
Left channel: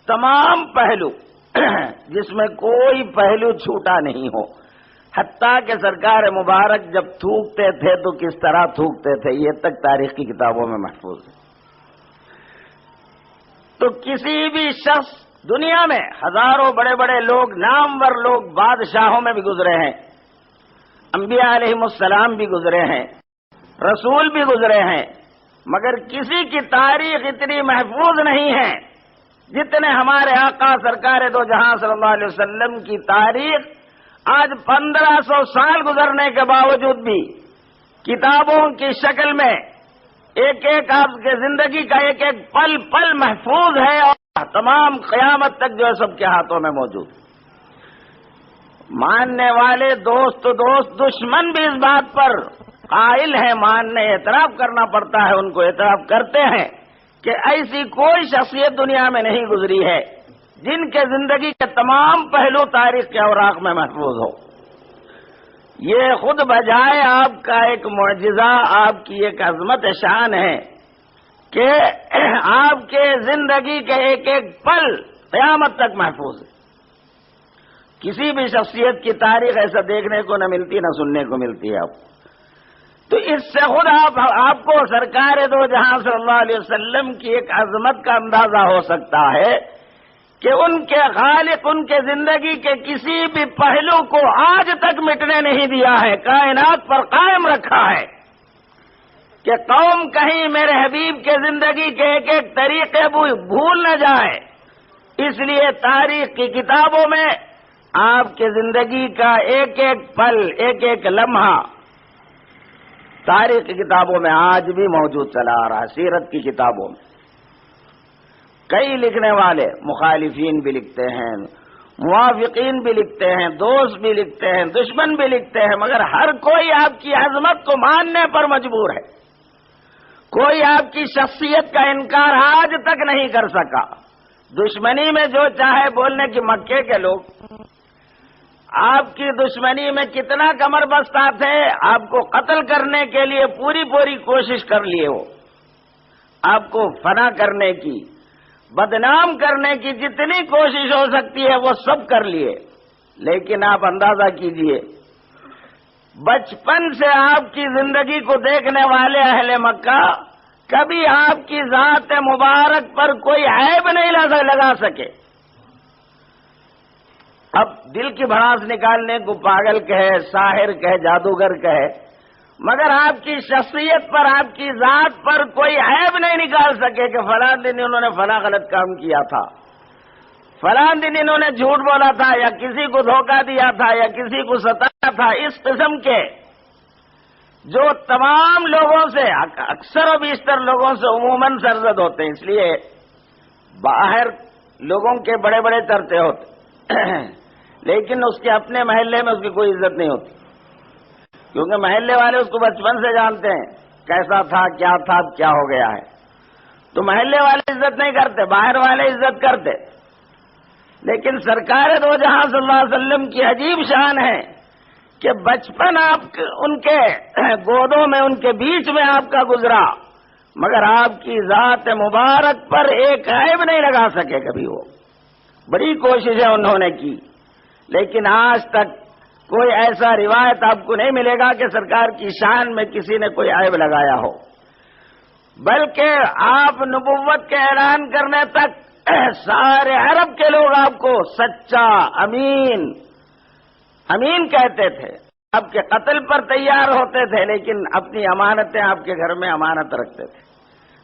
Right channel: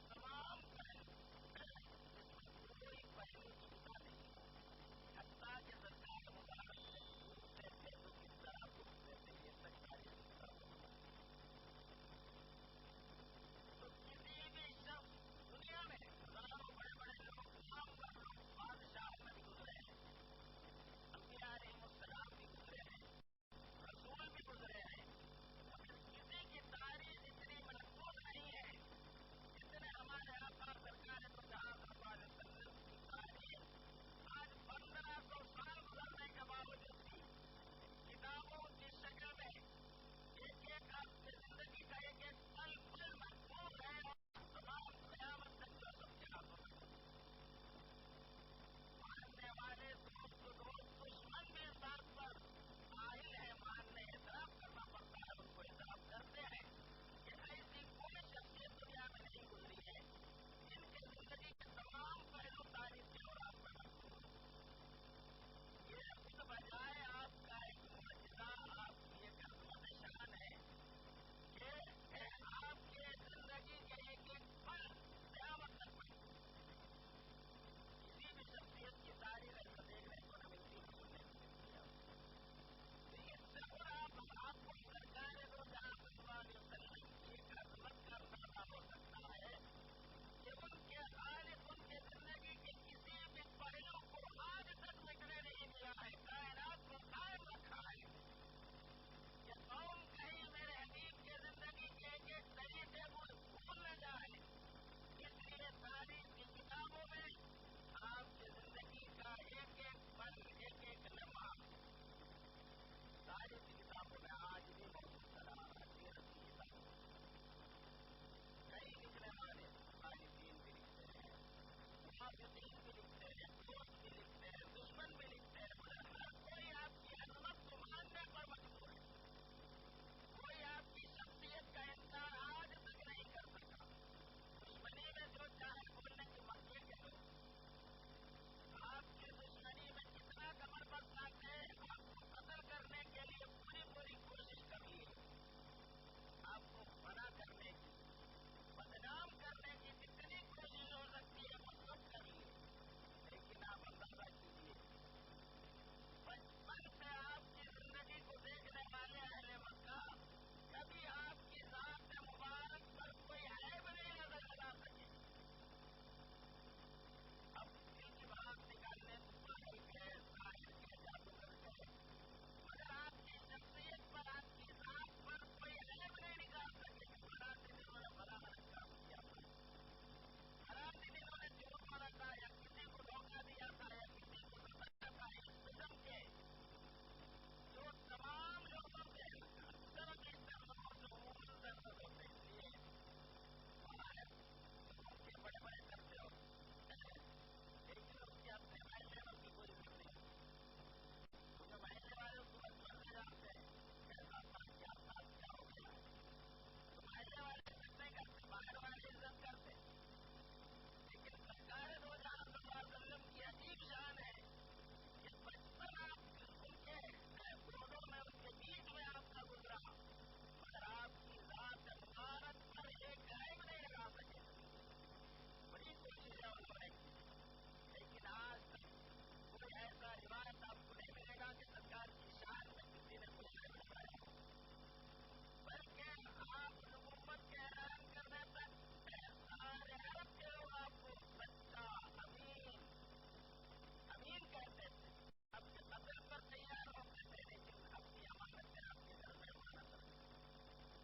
تمام پہلو جس میں کوئی پہلو چھوٹا نہیں ہو، حتیٰ کہ سرکار مبارک جب تھوکتے تھے تو کس طرح تھوکتے تھے، یہ تک تاریخ کی کتابوں میں محفوظ ہے۔ تو کسی بھی شخص، دنیا میں ہزاروں بڑے بڑے لوگ، نامور لوگ، بادشاہوں میں بھی گزرے ہیں، انبیاء علیہم السلام بھی گزرے ہیں، رسول بھی گزرے ہیں، مگر کسی کی تاریخ اتنی محفوظ نہیں ہے جتنے ہمارے آقا سرکار دو جہاں صلی اللہ علیہ وسلم کی تاریخ۔ آج 1500 سال گزرنے کے باوجود بھی کتابوں کی شکل میں ایک ایک آپ کے زندگی کا ایک ایک پل پل محفوظ ہے، اور تمام قیامت تک جو ہے سب کے ہاتھوں میں موجود ہے۔ ماننے والے دوست، دشمن بھی اس بات پر قائل ہیں، ماننے، اعتراف کرنا پڑتا ہے، ان کو اعتراف کرتے ہیں کہ ایسی کوئی شخصیت دنیا میں نہیں گزری ہے جن کے زندگی کے تمام پہلو تاریخ کے اوراق میں محفوظ ہو۔ یہ خود بجائے آپ کا ایک معجزہ، آپ کی ایک عظمت شان ہے کہ آپ کے زندگی کے ایک ایک پل قیامت تک محفوظ ہے۔ کسی بھی شخصیت کی تاریخ ایسا دیکھنے کو نہ ملتی، نہ سننے کو ملتی ہے آپ کو۔ تو اس سے خود آپ کو سرکار دو جہاں صلی اللہ علیہ وسلم کی ایک عظمت کا اندازہ ہو سکتا ہے کہ ان کے خالق ان کے زندگی کے کسی بھی پہلو کو آج تک مٹنے نہیں دیا ہے، کائنات پر قائم رکھا ہے کہ قوم کہیں میرے حبیب کے زندگی کے ایک ایک طریقے بھول نہ جائے۔ اس لیے تاریخ کی کتابوں میں آپ کے زندگی کا ایک ایک پل، ایک ایک لمحہ تاریخ کی کتابوں میں آج بھی موجود چلا آ رہا ہے۔ سیرت کی کتابوں میں کئی لکھنے والے مخالفین بھی لکھتے ہیں، موافقین بھی لکھتے ہیں، دوست بھی لکھتے ہیں، دشمن بھی لکھتے ہیں، مگر ہر کوئی آپ کی عظمت کو ماننے پر مجبور ہے۔ کوئی آپ کی شخصیت کا انکار آج تک نہیں کر سکا۔ دشمنی میں جو چاہے بولنے کی مکے کے لوگ آپ کی دشمنی میں کتنا کمر بستہ تھے، آپ کو قتل کرنے کے لیے پوری کوشش کر لیے، ہو آپ کو فنا کرنے کی، بدنام کرنے کی جتنی کوشش ہو سکتی ہے وہ سب کر لیے، لیکن آپ اندازہ کیجئے بچپن سے آپ کی زندگی کو دیکھنے والے اہل مکہ کبھی آپ کی ذات مبارک پر کوئی عیب نہیں لگا سکے۔ اب دل کی بھڑاس نکالنے کو پاگل کہے، ساحر کہے، جادوگر کہے، مگر آپ کی شخصیت پر، آپ کی ذات پر کوئی عیب نہیں نکال سکے کہ فلاں دن انہوں نے فلاں غلط کام کیا تھا، فلاں دن انہوں نے جھوٹ بولا تھا، یا کسی کو دھوکہ دیا تھا، یا کسی کو ستایا تھا۔ اس قسم کے جو تمام لوگوں سے، اکثر و بیشتر لوگوں سے عموماً سرزد ہوتے ہیں، اس لیے باہر لوگوں کے بڑے بڑے چرچے ہوتے لیکن اس کے اپنے محلے میں اس کی کوئی عزت نہیں ہوتی، کیونکہ محلے والے اس کو بچپن سے جانتے ہیں کیسا تھا، کیا تھا، کیا ہو گیا ہے، تو محلے والے عزت نہیں کرتے، باہر والے عزت کرتے۔ لیکن سرکار دو جہاں صلی اللہ علیہ وسلم کی عجیب شان ہے کہ بچپن آپ ان کے گودوں میں، ان کے بیچ میں آپ کا گزرا، مگر آپ کی ذات مبارک پر ایک عیب نہیں لگا سکے کبھی۔ وہ بڑی کوششیں انہوں نے کی، لیکن آج تک کوئی ایسا روایت آپ کو نہیں ملے گا کہ سرکار کی شان میں کسی نے کوئی عیب لگایا ہو، بلکہ آپ نبوت کے اعلان کرنے تک سارے عرب کے لوگ آپ کو سچا، امین کہتے تھے، آپ کے قتل پر تیار ہوتے تھے، لیکن اپنی امانتیں آپ کے گھر میں امانت رکھتے تھے،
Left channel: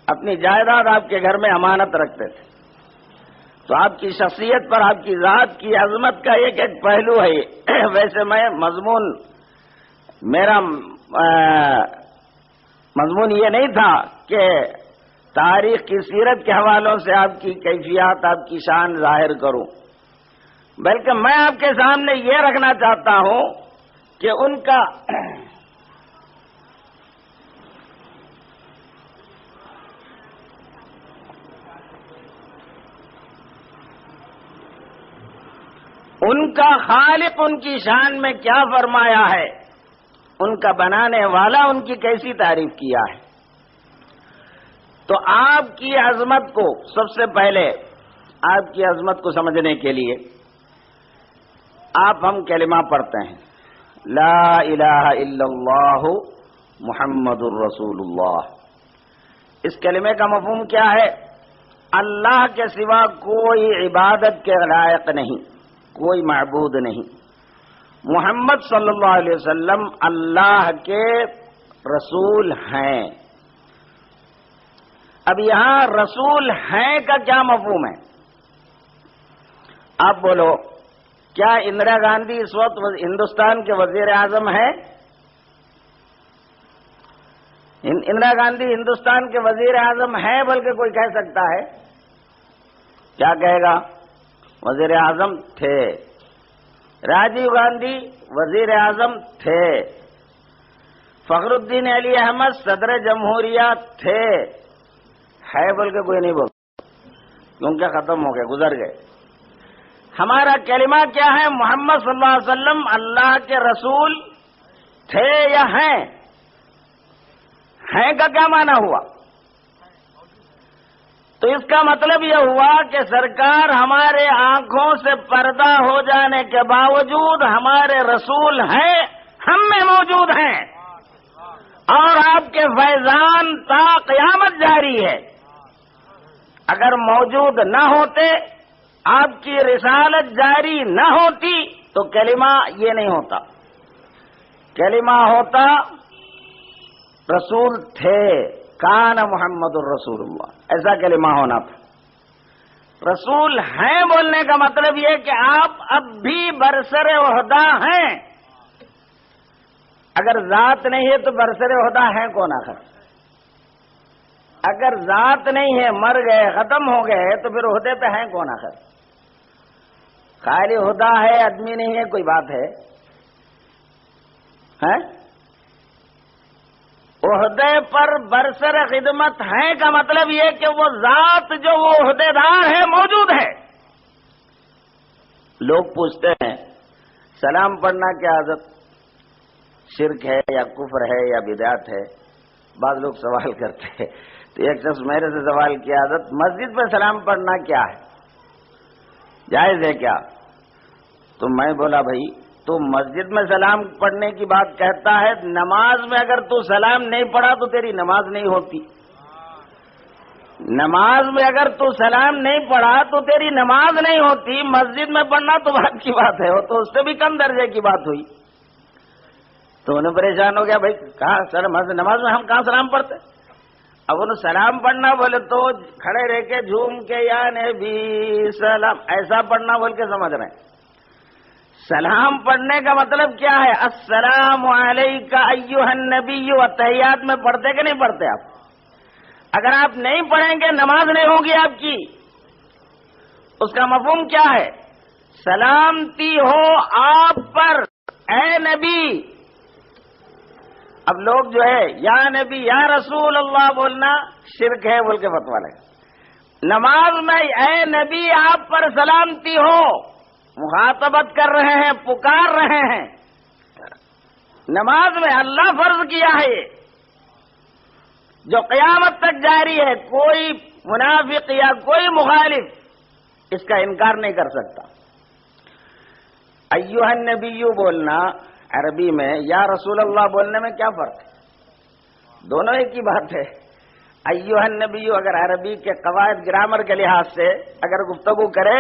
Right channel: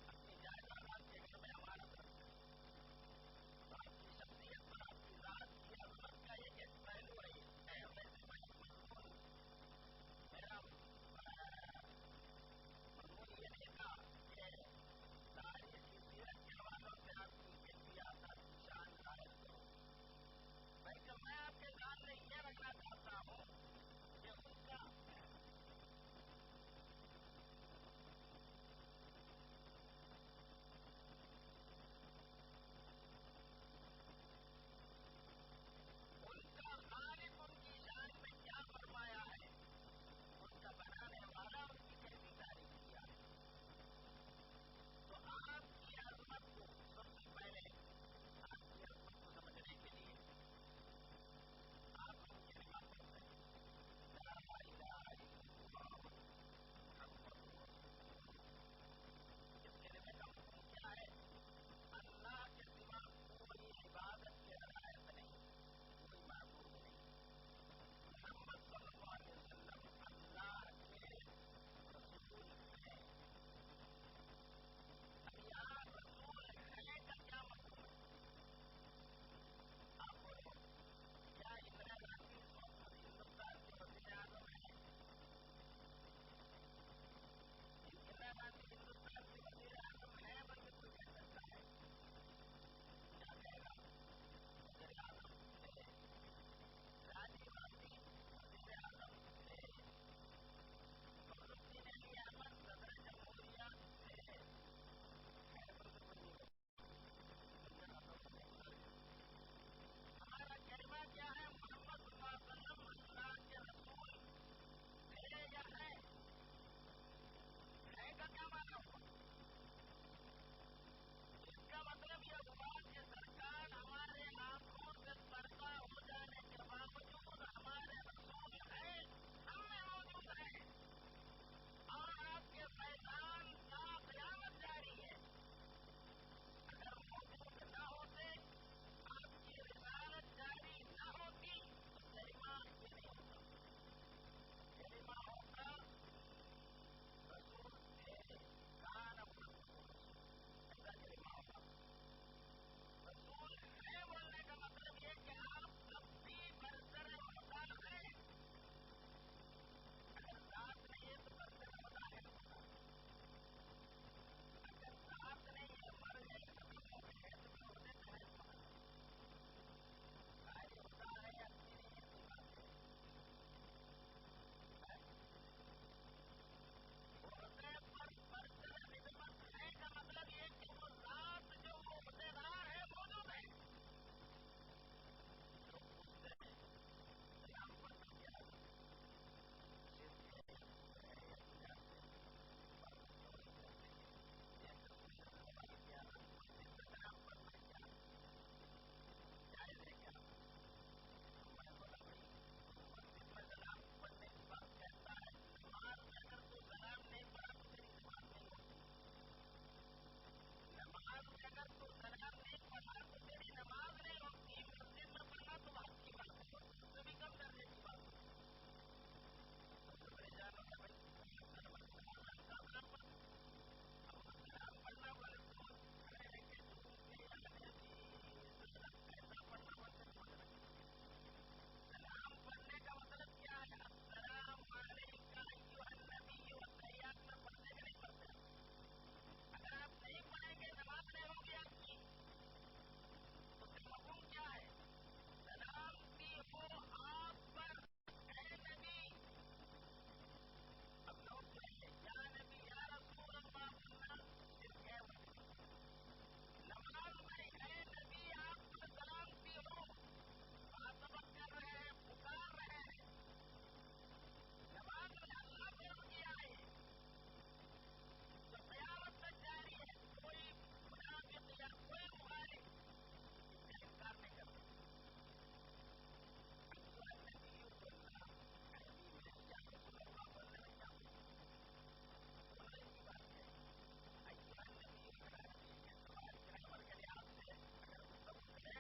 اپنی جائیداد آپ کے گھر میں امانت رکھتے تھے۔ تو آپ کی شخصیت پر، آپ کی ذات کی عظمت کا ایک ایک پہلو ہے۔ ویسے میرا مضمون یہ نہیں تھا کہ تاریخ کی سیرت کے حوالوں سے آپ کی کیفیات، آپ کی شان ظاہر کروں، بلکہ میں آپ کے سامنے یہ رکھنا چاہتا ہوں کہ ان کا خالق ان کی شان میں کیا فرمایا ہے، ان کا بنانے والا ان کی کیسی تعریف کیا ہے۔ تو آپ کی عظمت کو، سب سے پہلے آپ کی عظمت کو سمجھنے کے لیے ہم کلمہ پڑھتے ہیں، لا الہ الا اللہ محمد الرسول اللہ۔ اس کلمے کا مفہوم کیا ہے؟ اللہ کے سوا کوئی عبادت کے لائق نہیں، کوئی معبود نہیں، محمد صلی اللہ علیہ وسلم اللہ کے رسول ہیں۔ اب یہاں رسول ہیں کا کیا مفہوم ہے؟ آپ بولو، کیا اندرا گاندھی اس وقت ہندوستان کے وزیر اعظم ہے؟ اندرا گاندھی ہندوستان کے وزیر اعظم ہے، بلکہ کوئی کہہ سکتا ہے؟ کیا کہے گا؟ وزیر اعظم تھے۔ راجیو گاندھی وزیر اعظم تھے۔ فخر الدین علی احمد صدر جمہوریہ تھے۔ ہے بول کے کوئی نہیں بولتا، کیونکہ ختم ہو گئے، گزر گئے۔ ہمارا کلمہ کیا ہے؟ محمد صلی اللہ علیہ وسلم اللہ کے رسول تھے یا ہیں؟ ہیں کا کیا معنی ہوا؟ تو اس کا مطلب یہ ہوا کہ سرکار ہمارے آنکھوں سے پردہ ہو جانے کے باوجود ہمارے رسول ہیں، ہم میں موجود ہیں، اور آپ کے فیضان تا قیامت جاری ہے۔ اگر موجود نہ ہوتے آپ کی رسالت جاری نہ ہوتی تو کلمہ یہ نہیں ہوتا. کلمہ ہوتا رسول تھے، کان محمد الرسول اللہ، ایسا کلمہ ہونا تھا. رسول ہیں بولنے کا مطلب یہ کہ آپ اب بھی برسر عہدہ ہیں. اگر ذات نہیں ہے تو برسر عہدہ ہیں کون آخر؟ اگر ذات نہیں ہے، مر گئے، ختم ہو گئے، تو پھر عہدے پہ ہیں کون آخر؟ خالی عہدہ ہے، آدمی نہیں ہے، کوئی بات ہے؟ عہدے پر برسر خدمت ہیں کا مطلب یہ کہ وہ ذات جو وہ عہدے دار ہے موجود ہے. لوگ پوچھتے ہیں سلام پڑھنا کیا عادت شرک ہے یا کفر ہے یا بدعت ہے؟ بعض لوگ سوال کرتے ہیں. تو ایک شخص میرے سے سوال کیا، عادت مسجد میں سلام پڑھنا کیا ہے، جائز ہے کیا؟ تو میں بولا بھائی تو مسجد میں سلام پڑھنے کی بات کہتا ہے، نماز میں اگر تو سلام نہیں پڑھا تو تیری نماز نہیں ہوتی. نماز میں اگر تو سلام نہیں پڑھا تو تیری نماز نہیں ہوتی. مسجد میں پڑھنا تو بات کی بات ہے، وہ تو اس سے بھی کم درجے کی بات ہوئی. تو انہیں پریشان ہو گیا، بھائی کہاں سر نماز میں ہم کہاں سلام پڑھتے؟ اب انہوں سلام پڑھنا بولے تو کھڑے رہ کے جھوم کے یا نبی سلام ایسا پڑھنا بول کے سمجھ رہے ہیں. سلام پڑھنے کا مطلب کیا ہے؟ السلام علیکہ ایھا النبی. تحیات میں پڑھتے کہ نہیں پڑھتے آپ؟ اگر آپ نہیں پڑھیں گے نماز نہیں ہوگی آپ کی. اس کا مفہوم کیا ہے؟ سلامتی ہو آپ پر اے نبی. اب لوگ جو ہے یا نبی یا رسول اللہ بولنا شرک ہے بول کے فتویٰ لگے. نماز میں اے نبی آپ پر سلامتی ہو، مخاطبت کر رہے ہیں، پکار رہے ہیں. نماز میں اللہ فرض کیا ہے یہ جو قیامت تک جاری ہے. کوئی منافق یا کوئی مخالف اس کا انکار نہیں کر سکتا. ایھا النبی بولنا عربی میں یا رسول اللہ بولنے میں کیا فرق ہے؟ دونوں ایک ہی بات ہے. ایھا النبی اگر عربی کے قواعد گرامر کے لحاظ سے اگر گفتگو کرے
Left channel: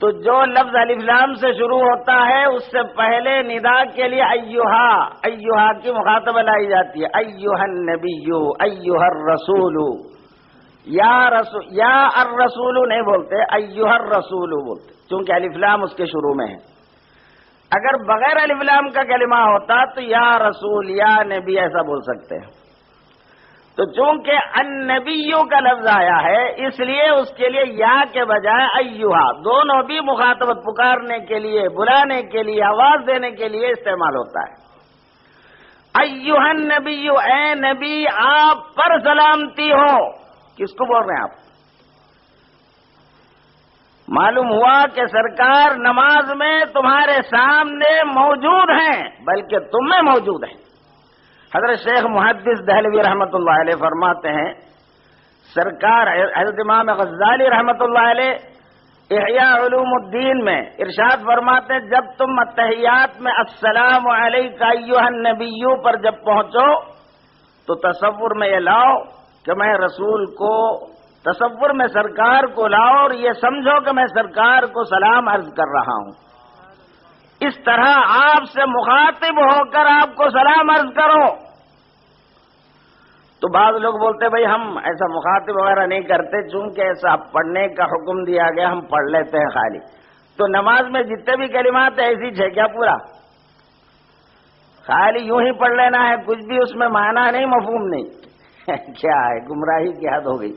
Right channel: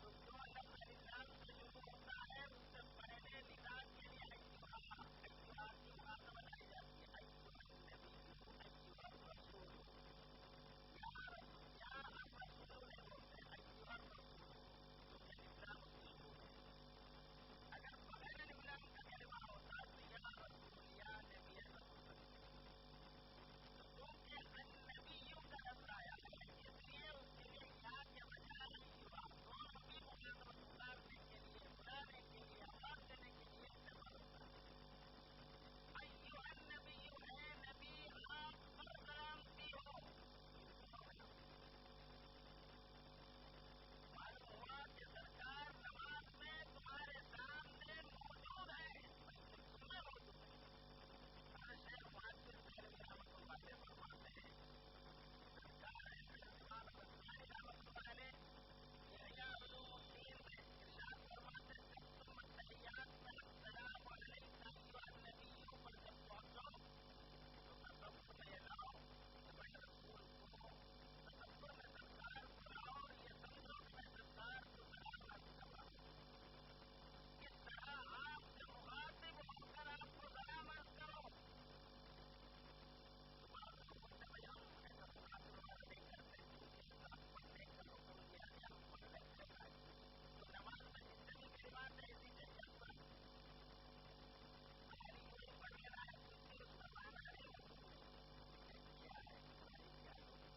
تو جو لفظ الف لام سے شروع ہوتا ہے اس سے پہلے ندا کے لیے ایھا کی مخاطبہ لائی جاتی ہے. ایھا النبی ایھا الرسول. یا الرسول نہیں بولتے، ایھا الرسول بولتے، چونکہ الف لام اس کے شروع میں ہے. اگر بغیر الف لام کا کلمہ ہوتا تو یا رسول یا نبی ایسا بول سکتے ہیں. تو چونکہ النبیوں کا لفظ آیا ہے اس لیے اس کے لیے یا کے بجائے ایھا دونوں بھی مخاطبت پکارنے کے لیے، بلانے کے لیے، آواز دینے کے لیے استعمال ہوتا ہے. ایھا النبی اے نبی آپ پر سلامتی ہو. کس کو بول رہے ہیں آپ؟ معلوم ہوا کہ سرکار نماز میں تمہارے سامنے موجود ہیں بلکہ تم میں موجود ہیں. حضرت شیخ محدث دہلوی رحمۃ اللہ علیہ فرماتے ہیں سرکار حضرت امام غزالی رحمۃ اللہ علیہ احیاء علوم الدین میں ارشاد فرماتے ہیں جب تم التحیات میں السلام علیکہ ایھا النبی پر جب پہنچو تو تصور میں یہ لاؤ کہ میں رسول کو، تصور میں سرکار کو لاؤ اور یہ سمجھو کہ میں سرکار کو سلام عرض کر رہا ہوں. اس طرح آپ سے مخاطب ہو کر آپ کو سلام عرض کرو. تو بعض لوگ بولتے بھائی ہم ایسا مخاطب وغیرہ نہیں کرتے چونکہ ایسا پڑھنے کا حکم دیا گیا ہم پڑھ لیتے ہیں خالی. تو نماز میں جتنے بھی کلمات ہیں ایسی ہے کیا پورا؟ خالی یوں ہی پڑھ لینا ہے، کچھ بھی اس میں معنی نہیں، مفہوم نہیں. کیا ہے؟ گمراہی کی حد ہو گئی.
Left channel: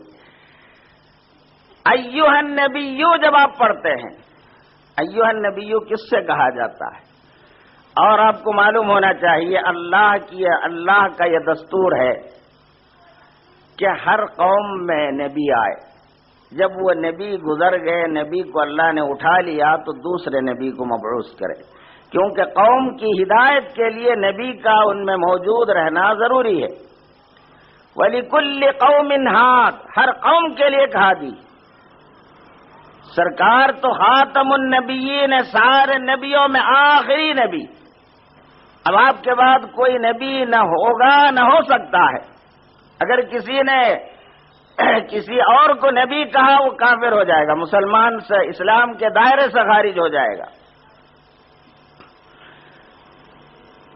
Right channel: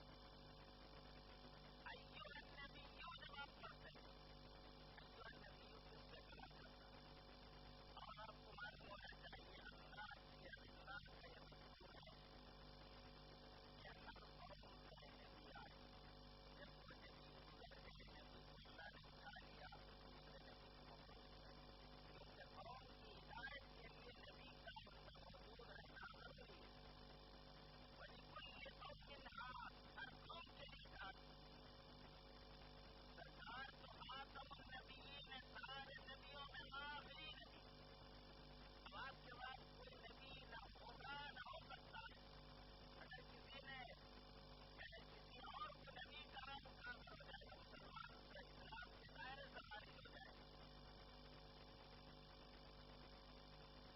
ایھا النبی جب آپ پڑھتے ہیں، ایھا النبی کس سے کہا جاتا ہے؟ اور آپ کو معلوم ہونا چاہیے اللہ کا یہ دستور ہے کہ ہر قوم میں نبی آئے، جب وہ نبی گزر گئے، نبی کو اللہ نے اٹھا لیا تو دوسرے نبی کو مبعوث کرے، کیونکہ قوم کی ہدایت کے لیے نبی کا ان میں موجود رہنا ضروری ہے. وَلِكُلِّ قَوْمٍ ہَادٍ، ہر قوم کے لیے ایک ہادی. سرکار تو خاتم النبیین، سارے نبیوں میں آخری نبی. اب آپ کے بعد کوئی نبی نہ ہوگا نہ ہو سکتا ہے. اگر کسی نے کسی اور کو نبی کہا وہ کافر ہو جائے گا، مسلمان سے اسلام کے دائرے سے خارج ہو جائے گا۔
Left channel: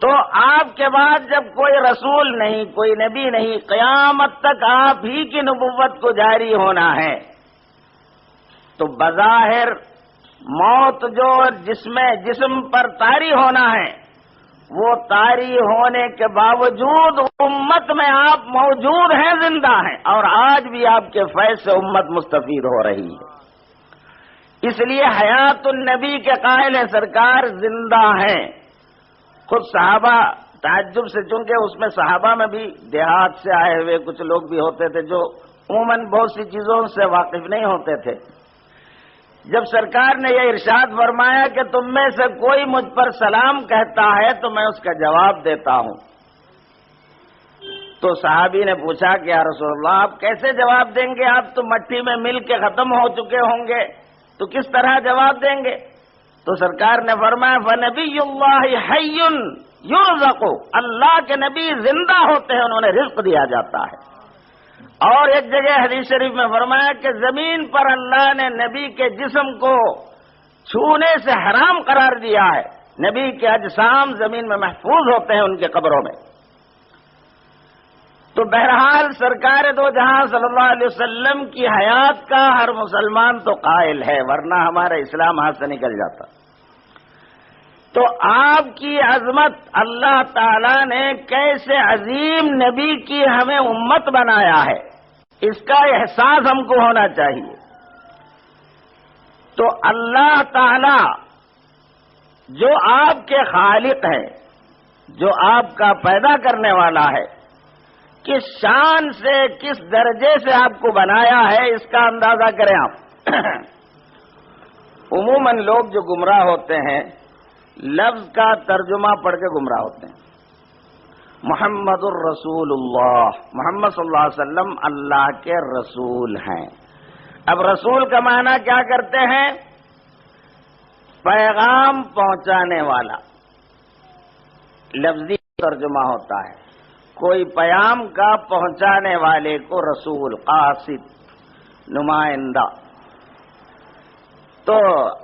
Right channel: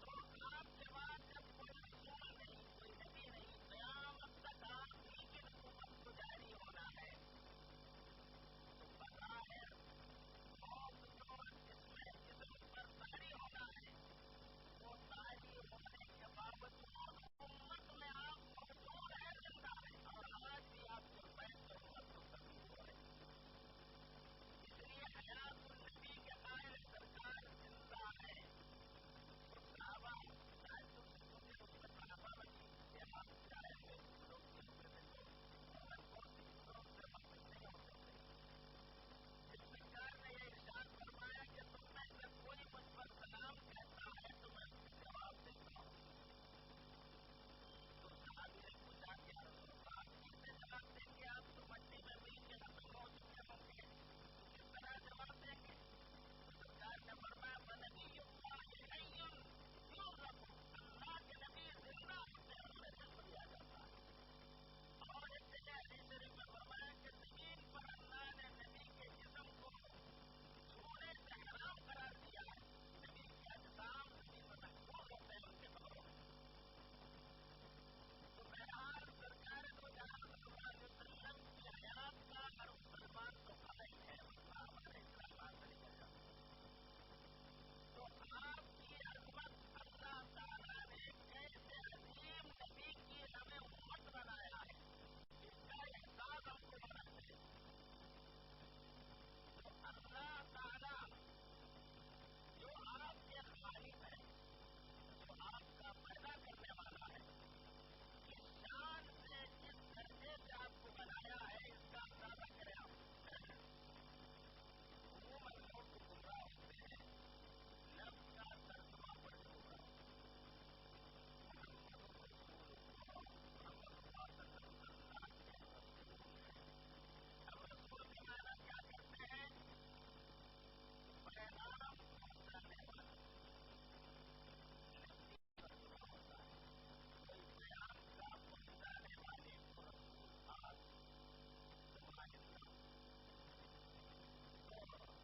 تو آپ کے بعد جب کوئی رسول نہیں، کوئی نبی نہیں، قیامت تک آپ ہی کی نبوت کو جاری ہونا ہے، تو بظاہر موت جو جسم پر طاری ہونا ہے، وہ طاری ہونے کے باوجود امت میں آپ موجود ہیں، زندہ ہیں، اور آج بھی آپ کے فیض سے امت مستفید ہو رہی ہے۔ اس لیے حیات النبی کے قائل سرکار زندہ ہیں۔ خود صحابہ تعجب سے، چونکہ اس میں صحابہ میں بھی دیہات سے آئے ہوئے کچھ لوگ بھی ہوتے تھے جو عموماً بہت سی چیزوں سے واقف نہیں ہوتے تھے، جب سرکار نے یہ ارشاد فرمایا کہ تم میں سے کوئی مجھ پر سلام کہتا ہے تو میں اس کا جواب دیتا ہوں، تو صحابی نے پوچھا کہ یا رسول اللہ آپ کیسے جواب دیں گے، آپ تو مٹی میں مل کے ختم ہو چکے ہوں گے، تو کس طرح جواب دیں گے؟ تو سرکار نے فرمایا فَنَبِيُّ اللَّهِ حَيٌّ يُرْزَقُ، اللہ کے نبی زندہ ہوتے ہیں، انہوں نے رزق دیا جاتا ہے۔ اور ایک جگہ حدیث شریف میں فرمایا کہ زمین پر اللہ نے نبی کے جسم کو چھونے سے حرام قرار دیا ہے، نبی کے اجسام زمین میں محفوظ ہوتے ہیں ان کے قبروں میں۔ تو بہرحال سرکار دو جہاں صلی اللہ علیہ وسلم کی حیات کا ہر مسلمان تو قائل ہے، ورنہ ہمارا اسلام ہاتھ سے نکل جاتا۔ تو آپ کی عظمت، اللہ تعالیٰ نے کیسے عظیم نبی کی ہمیں امت بنایا ہے، اس کا احساس ہم کو ہونا چاہیے۔ تو اللہ تعالیٰ جو آپ کے خالق ہے، جو آپ کا پیدا کرنے والا ہے، کس شان سے، کس درجے سے آپ کو بنایا ہے، اس کا اندازہ کریں آپ۔ عموماً لوگ جو گمراہ ہوتے ہیں لفظ کا ترجمہ پڑھ کے گمراہ ہوتے ہیں۔ محمد الرسول اللہ، محمد صلی اللہ علیہ وسلم اللہ کے رسول ہیں۔ اب رسول کا معنی کیا کرتے ہیں؟ پیغام پہنچانے والا، لفظی ترجمہ ہوتا ہے، کوئی پیام کا پہنچانے والے کو رسول، قاصد، نمائندہ۔ تو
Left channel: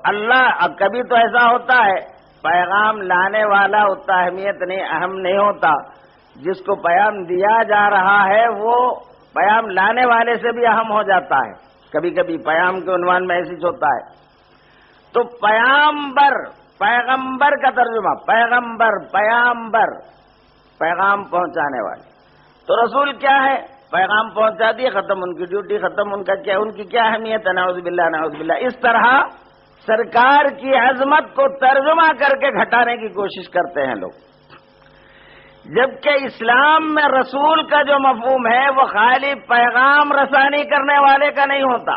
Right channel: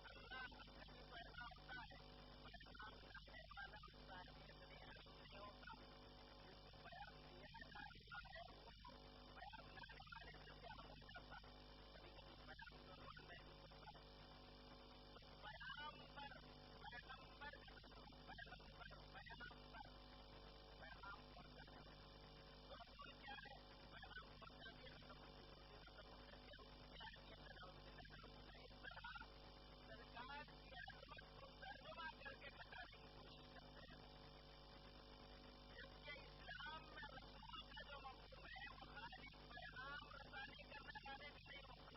اللہ کبھی تو ایسا ہوتا ہے پیغام لانے والا اتنا اہمیت نہیں، اہم نہیں ہوتا، جس کو پیغام دیا جا رہا ہے وہ پیغام لانے والے سے بھی اہم ہو جاتا ہے۔ کبھی کبھی پیغام کے عنوان میں ایسی ہوتا ہے۔ تو پیغمبر، پیغمبر کا ترجمہ پیغمبر، پیغمبر، پیغام پہنچانے والے۔ تو رسول کیا ہے؟ پیغام پہنچا دیے، ختم، ان کی ڈیوٹی ختم، ان کی کیا اہمیت ہے؟ نعوذ باللہ، نعوذ باللہ۔ اس طرح سرکار کی عظمت کو ترجمہ کر کے گھٹانے کی کوشش کرتے ہیں لوگ، جبکہ اسلام میں رسول کا جو مفہوم ہے وہ خالی پیغام رسانی کرنے والے کا نہیں ہوتا۔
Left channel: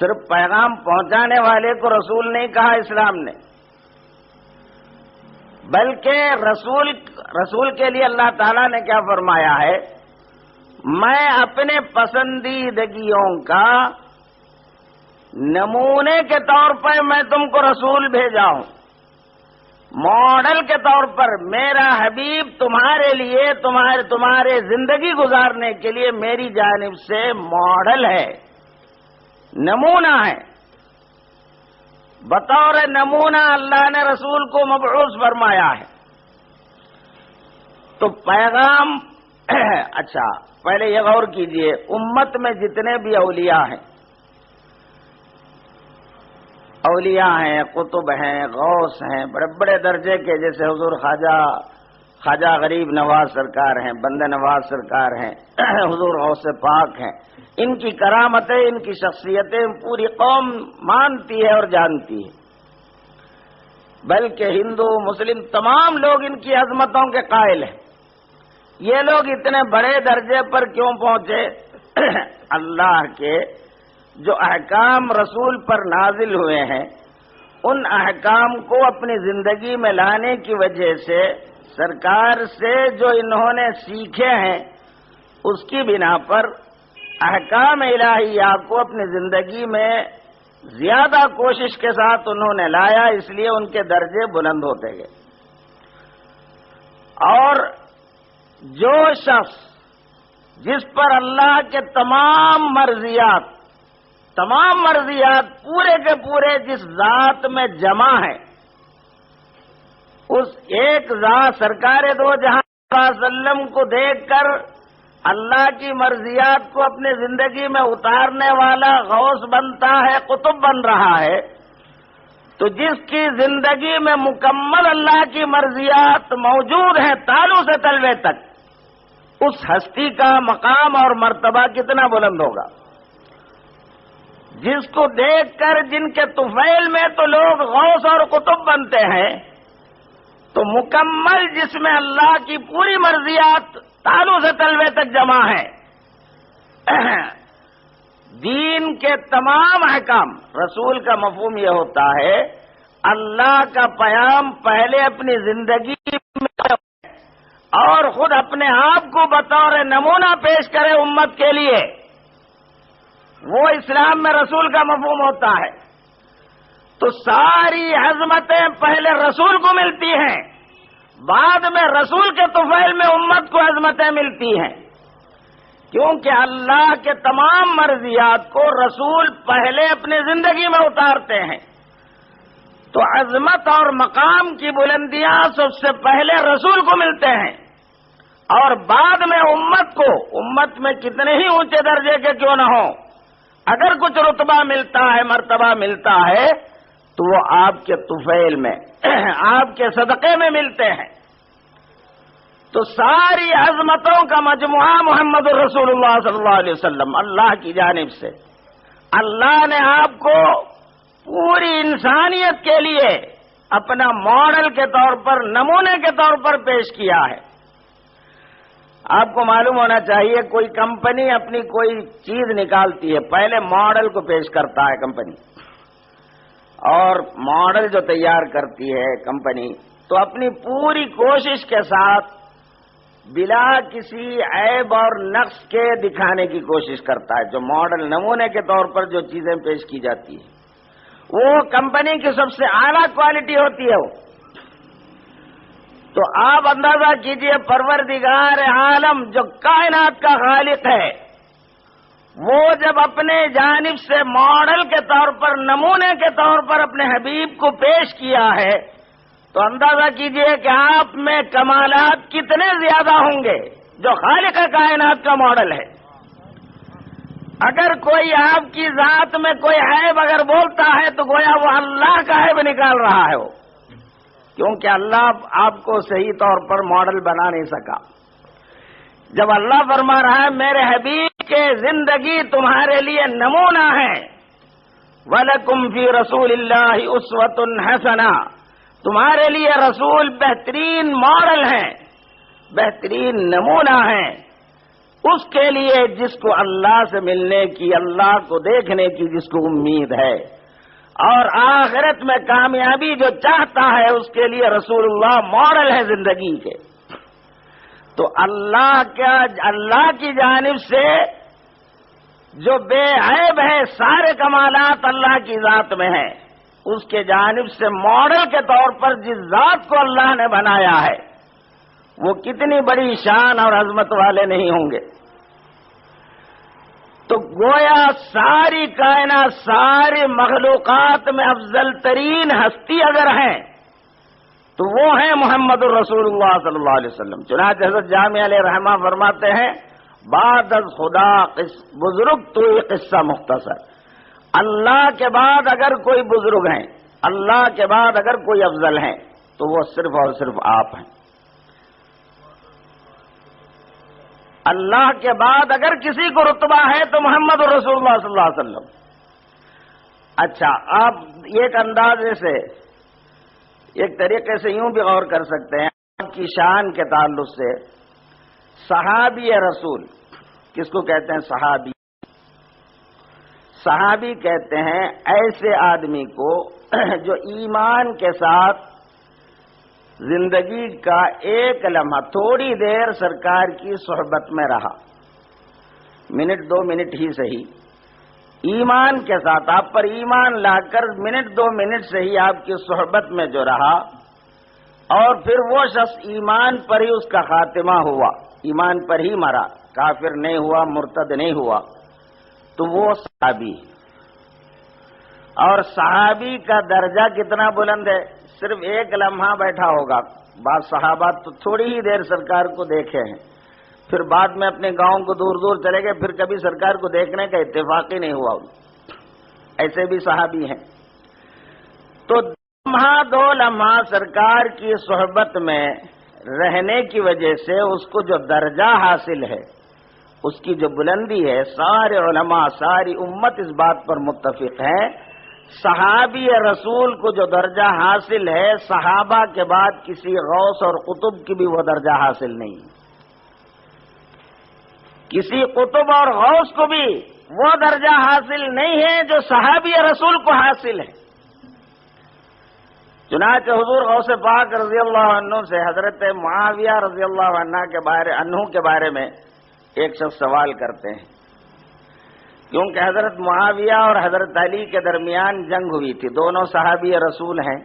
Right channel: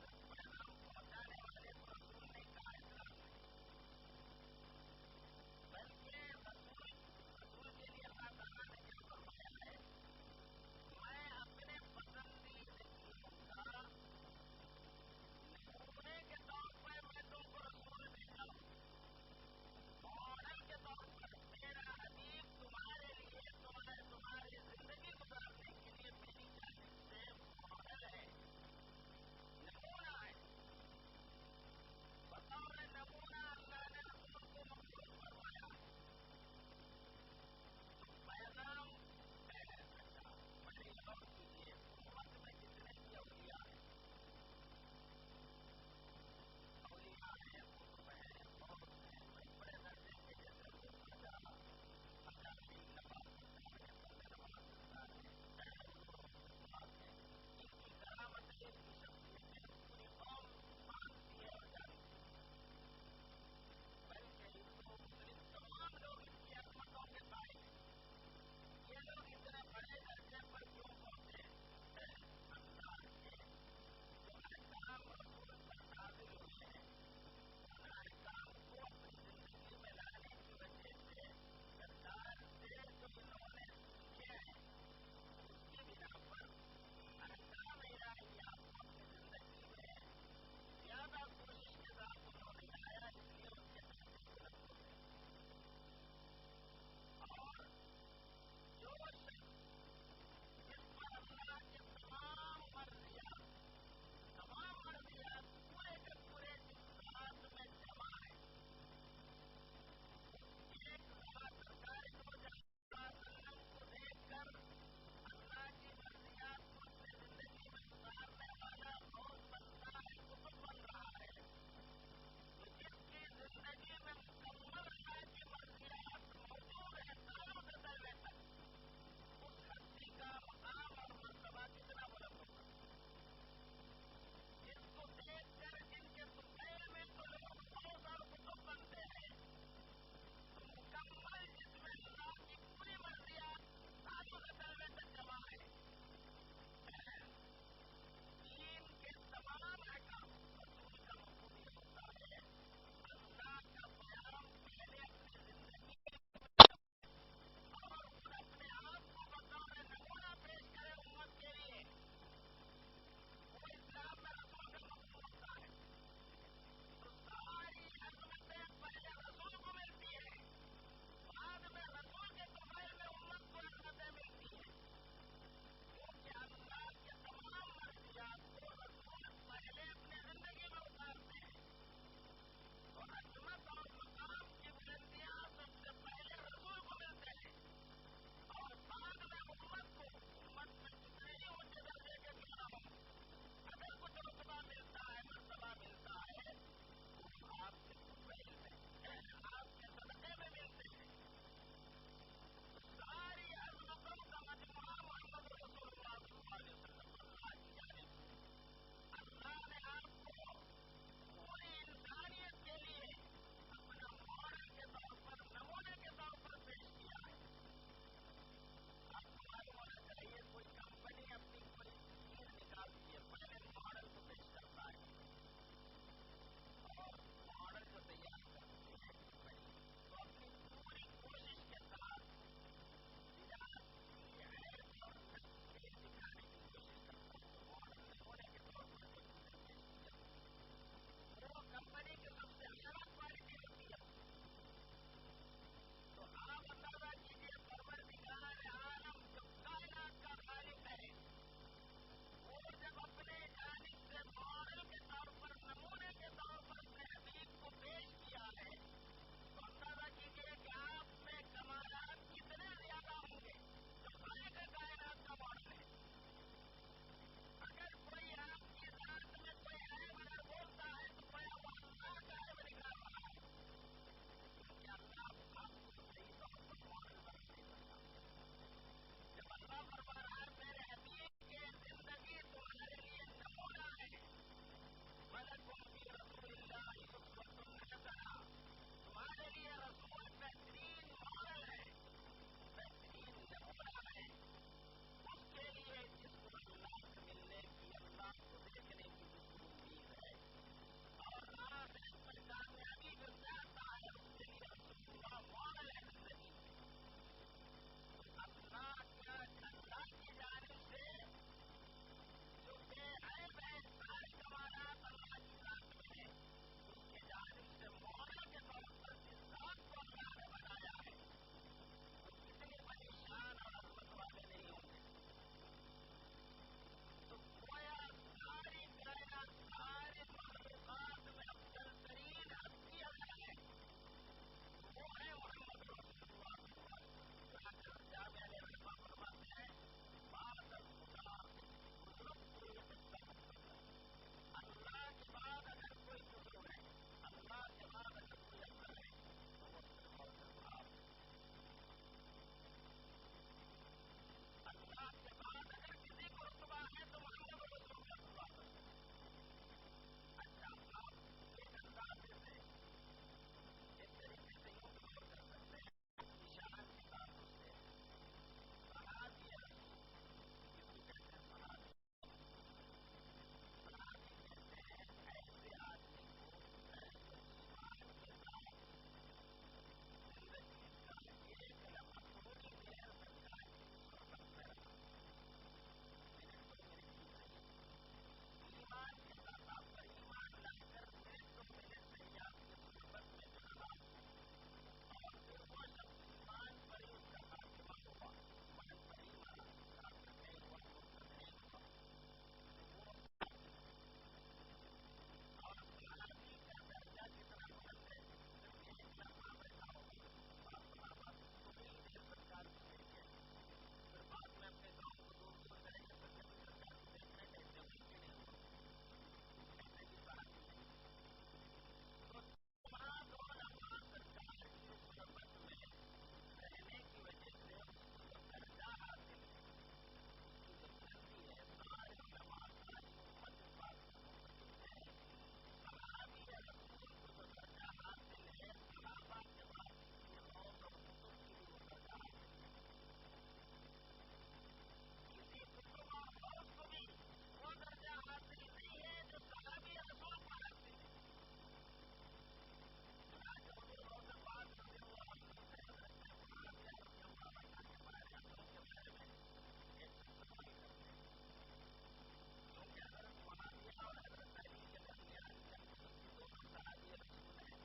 صرف پیغام پہنچانے والے کو رسول نہیں کہا اسلام نے، بلکہ رسول کے لیے اللہ تعالیٰ نے کیا فرمایا ہے؟ میں اپنے پسندیدگیوں کا نمونے کے طور پر میں تم کو رسول بھیجا ہوں، ماڈل کے طور پر میرا حبیب تمہارے لیے، تمہارے زندگی گزارنے کے لیے میری جانب سے ماڈل ہے، نمونہ ہے۔ بطور نمونہ اللہ نے رسول کو مبعوث فرمایا ہے۔ تو پیغام اچھا پہلے یہ غور کیجئے، امت میں جتنے بھی اولیاء ہیں، قطب ہیں، غوث ہیں، بڑے بڑے درجے کے، جیسے حضور خواجہ غریب نواز سرکار ہیں، بندہ نواز سرکار ہیں، حضور غوث پاک ہیں، ان کی کرامتیں، ان کی شخصیتیں پوری قوم مانتی ہے اور جانتی ہے، بلکہ ہندو مسلم تمام لوگ ان کی عظمتوں کے قائل ہیں۔ یہ لوگ اتنے بڑے درجے پر کیوں پہنچے؟ اللہ کے جو احکام رسول پر نازل ہوئے ہیں، ان احکام کو اپنی زندگی میں لانے کی وجہ سے، سرکار سے جو انہوں نے سیکھے ہیں، اس کی بنا پر احکام الہیہ کو اپنی زندگی میں زیادہ کوشش کے ساتھ انہوں نے لایا، اس لیے ان کے درجے بلند ہوتے گئے۔ اور جو شخص جس پر اللہ کے تمام مرضیات پورے کے پورے جس ذات میں جمع ہے، اس ایک ذات سرکار دو جہاں صلی اللہ علیہ وسلم کو دیکھ کر اللہ کی مرضیات کو اپنے زندگی میں اتارنے والا غوث بنتا ہے، قطب بن رہا ہے، تو جس کی زندگی میں مکمل اللہ کی مرضیات موجود ہیں تالو سے تلوے تک، اس ہستی کا مقام اور مرتبہ کتنا بلند ہوگا، جس کو دیکھ کر جن کے طفیل میں تو لوگ غوث اور قطب بنتے ہیں، تو مکمل جس میں اللہ کی پوری مرضیات تالو سے تلوے تک جمع ہے، دین کے تمام احکام، رسول کا مفہوم یہ ہوتا ہے اللہ کا پیام پہلے اپنی زندگی میں اور خود اپنے آپ کو بطور نمونہ پیش کرے امت کے لیے، وہ اسلام میں رسول کا مفہوم ہوتا ہے۔ تو ساری عظمتیں پہلے رسول کو ملتی ہیں، بعد میں رسول کے طفیل میں امت کو عظمتیں ملتی ہیں، کیونکہ اللہ کے تمام مرضیات کو رسول پہلے اپنی زندگی میں اتارتے ہیں، تو عظمت اور مقام کی بلندیاں سب سے پہلے رسول کو ملتے ہیں، اور بعد میں امت کو، امت میں کتنے ہی اونچے درجے کے کیوں نہ ہو، اگر کچھ رتبہ ملتا ہے، مرتبہ ملتا ہے، تو وہ آپ کے طفیل میں، آپ کے صدقے میں ملتے ہیں۔ تو ساری عظمتوں کا مجموعہ محمد رسول اللہ صلی اللہ علیہ وسلم، اللہ کی جانب سے اللہ نے آپ کو پوری انسانیت کے لیے اپنا ماڈل کے طور پر، نمونے کے طور پر پیش کیا ہے۔ آپ کو معلوم ہونا چاہیے، کوئی کمپنی اپنی کوئی چیز نکالتی ہے، پہلے ماڈل کو پیش کرتا ہے کمپنی، اور ماڈل جو تیار کرتی ہے کمپنی، تو اپنی پوری کوشش کے ساتھ بلا کسی عیب اور نقص کے دکھانے کی کوشش کرتا ہے۔ جو ماڈل نمونے کے طور پر جو چیزیں پیش کی جاتی ہیں، وہ کمپنی کی سب سے اعلیٰ کوالٹی ہوتی ہے۔ تو آپ اندازہ کیجئے، پروردگار عالم جو کائنات کا خالق ہے، وہ جب اپنے جانب سے ماڈل کے طور پر، نمونے کے طور پر اپنے حبیب کو پیش کیا ہے، تو اندازہ کیجئے کہ آپ میں کمالات کتنے زیادہ ہوں گے جو خالق کائنات کا ماڈل ہے۔ اگر کوئی آپ کی ذات میں کوئی عیب اگر بولتا ہے تو گویا وہ اللہ کا عیب نکال رہا ہے، وہ کیونکہ اللہ آپ کو صحیح طور پر ماڈل بنا نہیں سکا۔ جب اللہ فرما رہا ہے میرے حبیب کے زندگی تمہارے لیے نمونہ ہے، وَلَكُمْ فِي رَسُولِ اللَّهِ أُسْوَةٌ حَسَنَةٌ، تمہارے لیے رسول بہترین ماڈل ہیں، بہترین نمونہ ہیں، اس کے لیے جس کو اللہ سے ملنے کی، اللہ کو دیکھنے کی جس کو امید ہے، اور آخرت میں کامیابی جو چاہتا ہے، اس کے لیے رسول اللہ ماڈل ہے زندگی کے۔ تو اللہ کی جانب سے جو بے عیب ہے، سارے کمالات اللہ کی ذات میں ہیں، اس کے جانب سے ماڈل کے طور پر جس ذات کو اللہ نے بنایا ہے، وہ کتنی بڑی شان اور عظمت والے نہیں ہوں گے۔ تو گویا ساری کائنات، ساری مخلوقات میں افضل ترین ہستی اگر ہیں تو وہ ہیں محمد الرسول اللہ صلی اللہ علیہ وسلم۔ چنانچہ حضرت جامع علیہ رحمہ فرماتے ہیں، بعد از خدا بزرگ تو یہ قصہ مختصر، اللہ کے بعد اگر کوئی بزرگ ہیں، اللہ کے بعد اگر کوئی افضل ہیں، تو وہ صرف اور صرف آپ ہیں۔ اللہ کے بعد اگر کسی کو رتبہ ہے تو محمد رسول اللہ صلی اللہ علیہ وسلم۔ اچھا، آپ ایک اندازے سے، ایک طریقے سے یوں بھی غور کر سکتے ہیں آپ کی شان کے تعلق سے، صحابی رسول کس کو کہتے ہیں؟ صحابی، صحابی کہتے ہیں ایسے آدمی کو جو ایمان کے ساتھ زندگی کا ایک لمحہ، تھوڑی دیر سرکار کی صحبت میں رہا، منٹ دو منٹ ہی صحیح، ایمان کے ساتھ آپ پر ایمان لا کر منٹ دو منٹ سے ہی آپ کی صحبت میں جو رہا، اور پھر وہ شخص ایمان پر ہی اس کا خاتمہ ہوا، ایمان پر ہی مرا، کافر نہیں ہوا، مرتد نہیں ہوا، تو وہ صحابی. اور صحابی کا درجہ کتنا بلند ہے. صرف ایک لمحہ بیٹھا ہوگا. بعض صحابہ تو تھوڑی ہی دیر سرکار کو دیکھے ہیں، پھر بعد میں اپنے گاؤں کو دور دور چلے گئے، پھر کبھی سرکار کو دیکھنے کا اتفاق ہی نہیں ہوا. ایسے بھی صحابی ہیں. تو دو لمحہ سرکار کی صحبت میں رہنے کی وجہ سے اس کو جو درجہ حاصل ہے، اس کی جو بلندی ہے، سارے علماء، ساری امت اس بات پر متفق ہے، صحابی رسول کو جو درجہ حاصل ہے، صحابہ کے بعد کسی غوث اور قطب کی بھی وہ درجہ حاصل نہیں. کسی قطب اور غوث کو بھی وہ درجہ حاصل نہیں ہے جو صحابی رسول کو حاصل ہے. چنانچہ حضور غوث پاک رضی اللہ عنہ سے حضرت معاویہ رضی اللہ عنہ کے بارے میں ایک شخص سوال کرتے ہیں، کیونکہ حضرت معاویہ اور حضرت علی کے درمیان جنگ ہوئی تھی. دونوں صحابی رسول ہیں.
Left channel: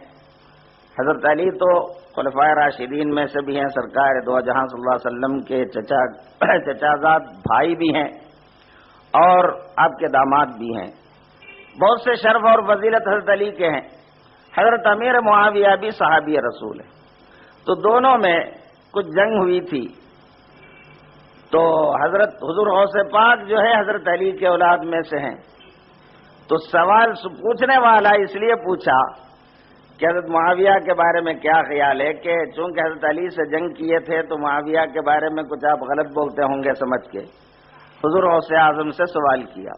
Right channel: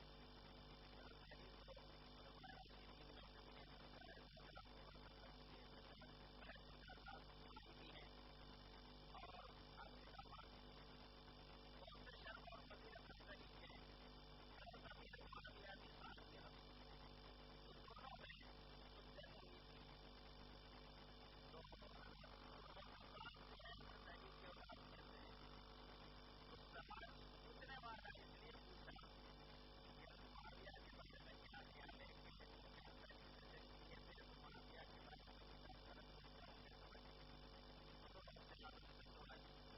حضرت علی تو خلفائے راشدین میں سے بھی ہیں، سرکار دو جہاں صلی اللہ علیہ وسلم کے چچازاد بھائی بھی ہیں اور آپ کے داماد بھی ہیں. بہت سے شرف اور فضیلت حضرت علی کے ہیں. حضرت امیر معاویہ بھی صحابی رسول ہیں. تو دونوں میں کچھ جنگ ہوئی تھی. تو حضرت حضور غوث پاک جو ہے حضرت علی کے اولاد میں سے ہیں. تو سوال پوچھنے والا اس لیے پوچھا کہ حضرت معاویہ کے بارے میں کیا خیال ہے، کہ چونکہ حضرت علی سے جنگ کیے تھے تو معاویہ کے بارے میں کچھ آپ غلط بولتے ہوں گے سمجھ کے حضور غوث اعظم سے سوال کیا.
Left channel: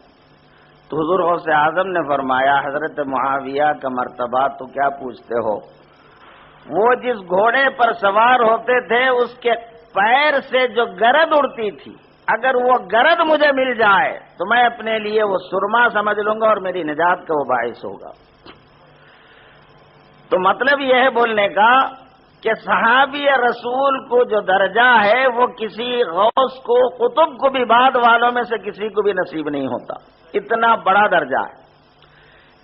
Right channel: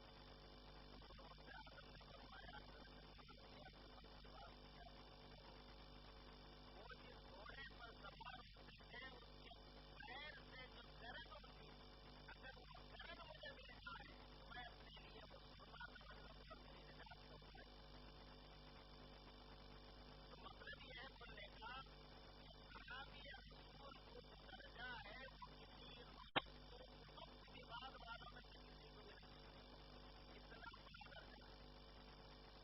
تو حضور غوث اعظم نے فرمایا، حضرت معاویہ کا مرتبہ تو کیا پوچھتے ہو، وہ جس گھوڑے پر سوار ہوتے تھے اس کے پیر سے جو گرد اڑتی تھی، اگر وہ گرد مجھے مل جائے تو میں اپنے لیے وہ سرما سمجھ لوں گا اور میری نجات کا وہ باعث ہوگا. تو مطلب یہ ہے بولنے کا کہ صحابی رسول کو جو درجہ ہے وہ کسی غوث کو، قطب کو بھی بعد والوں میں سے کسی کو بھی نصیب نہیں ہوتا. اتنا بڑا درجہ ہے.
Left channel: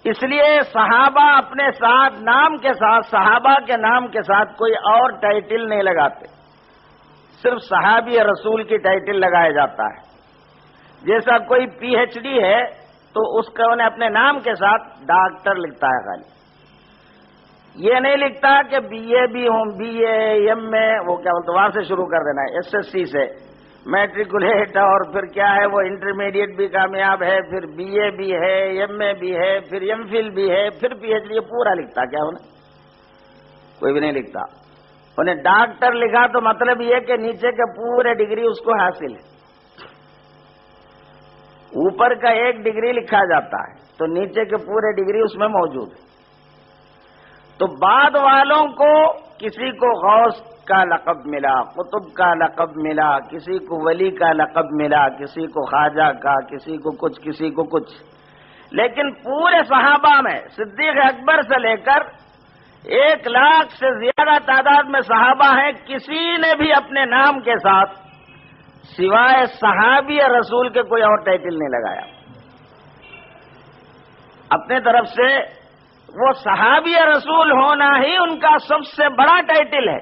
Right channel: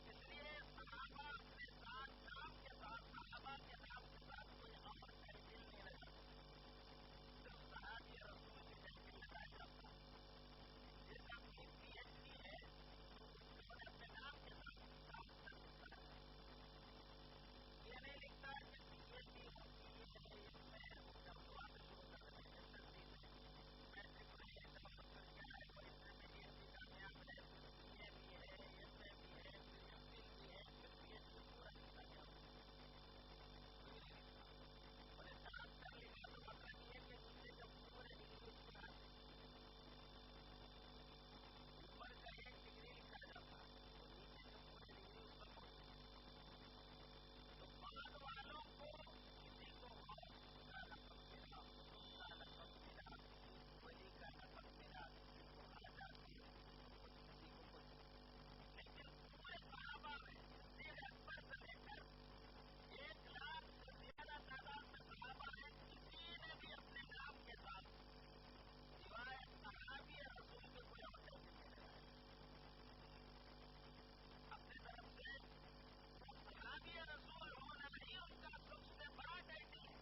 اس لیے صحابہ اپنے ساتھ نام کے ساتھ، صحابہ کے نام کے ساتھ کوئی اور ٹائٹل نہیں لگاتے، صرف صحابی رسول کی ٹائٹل لگایا جاتا ہے. جیسا کوئی پی ایچ ڈی ہے تو اس کو انہیں اپنے نام کے ساتھ ڈاکٹر لکھتا ہے، خالی یہ نہیں لکھتا کہ بی اے بھی ہوں، بی اے ایم اے، وہ کیا بولتے وہاں سے شروع کر دینا ہے، ایس ایس سی سے میٹریکولیٹ، اور پھر کیا ہے وہ انٹرمیڈیٹ بھی کامیاب ہے، پھر بی اے بھی ہے، ایم اے بھی ہے، پھر ایم فل بھی ہے، پھر پی ایچ ڈی. پورا لکھتا کیا انہیں؟ کوئی بھی نہیں لکھتا. انہیں ڈاکٹر لکھا تو مطلب یہ کہ نیچے کے پورے ڈگری اس کو حاصل ہے. اوپر کا ایک ڈگری لکھا جاتا ہے تو نیچے کے پورے ڈگری اس میں موجود ہے. تو بعد والوں کو کسی کو غوث کا لقب ملا، قطب کا لقب ملا، کسی کو ولی کا لقب ملا، کسی کو خواجہ کا، کسی کو کچھ، کسی کو کچھ. لیکن پورے صحابہ میں صدیق اکبر سے لے کر 1,00,000 سے زیادہ تعداد میں صحابہ ہیں، کسی نے بھی اپنے نام کے ساتھ سوائے صحابی رسول کے کوئی اور ٹائٹل نہیں لگایا. اپنے طرف سے وہ صحابی رسول ہونا ہی ان کا سب سے بڑا ٹائٹل ہے.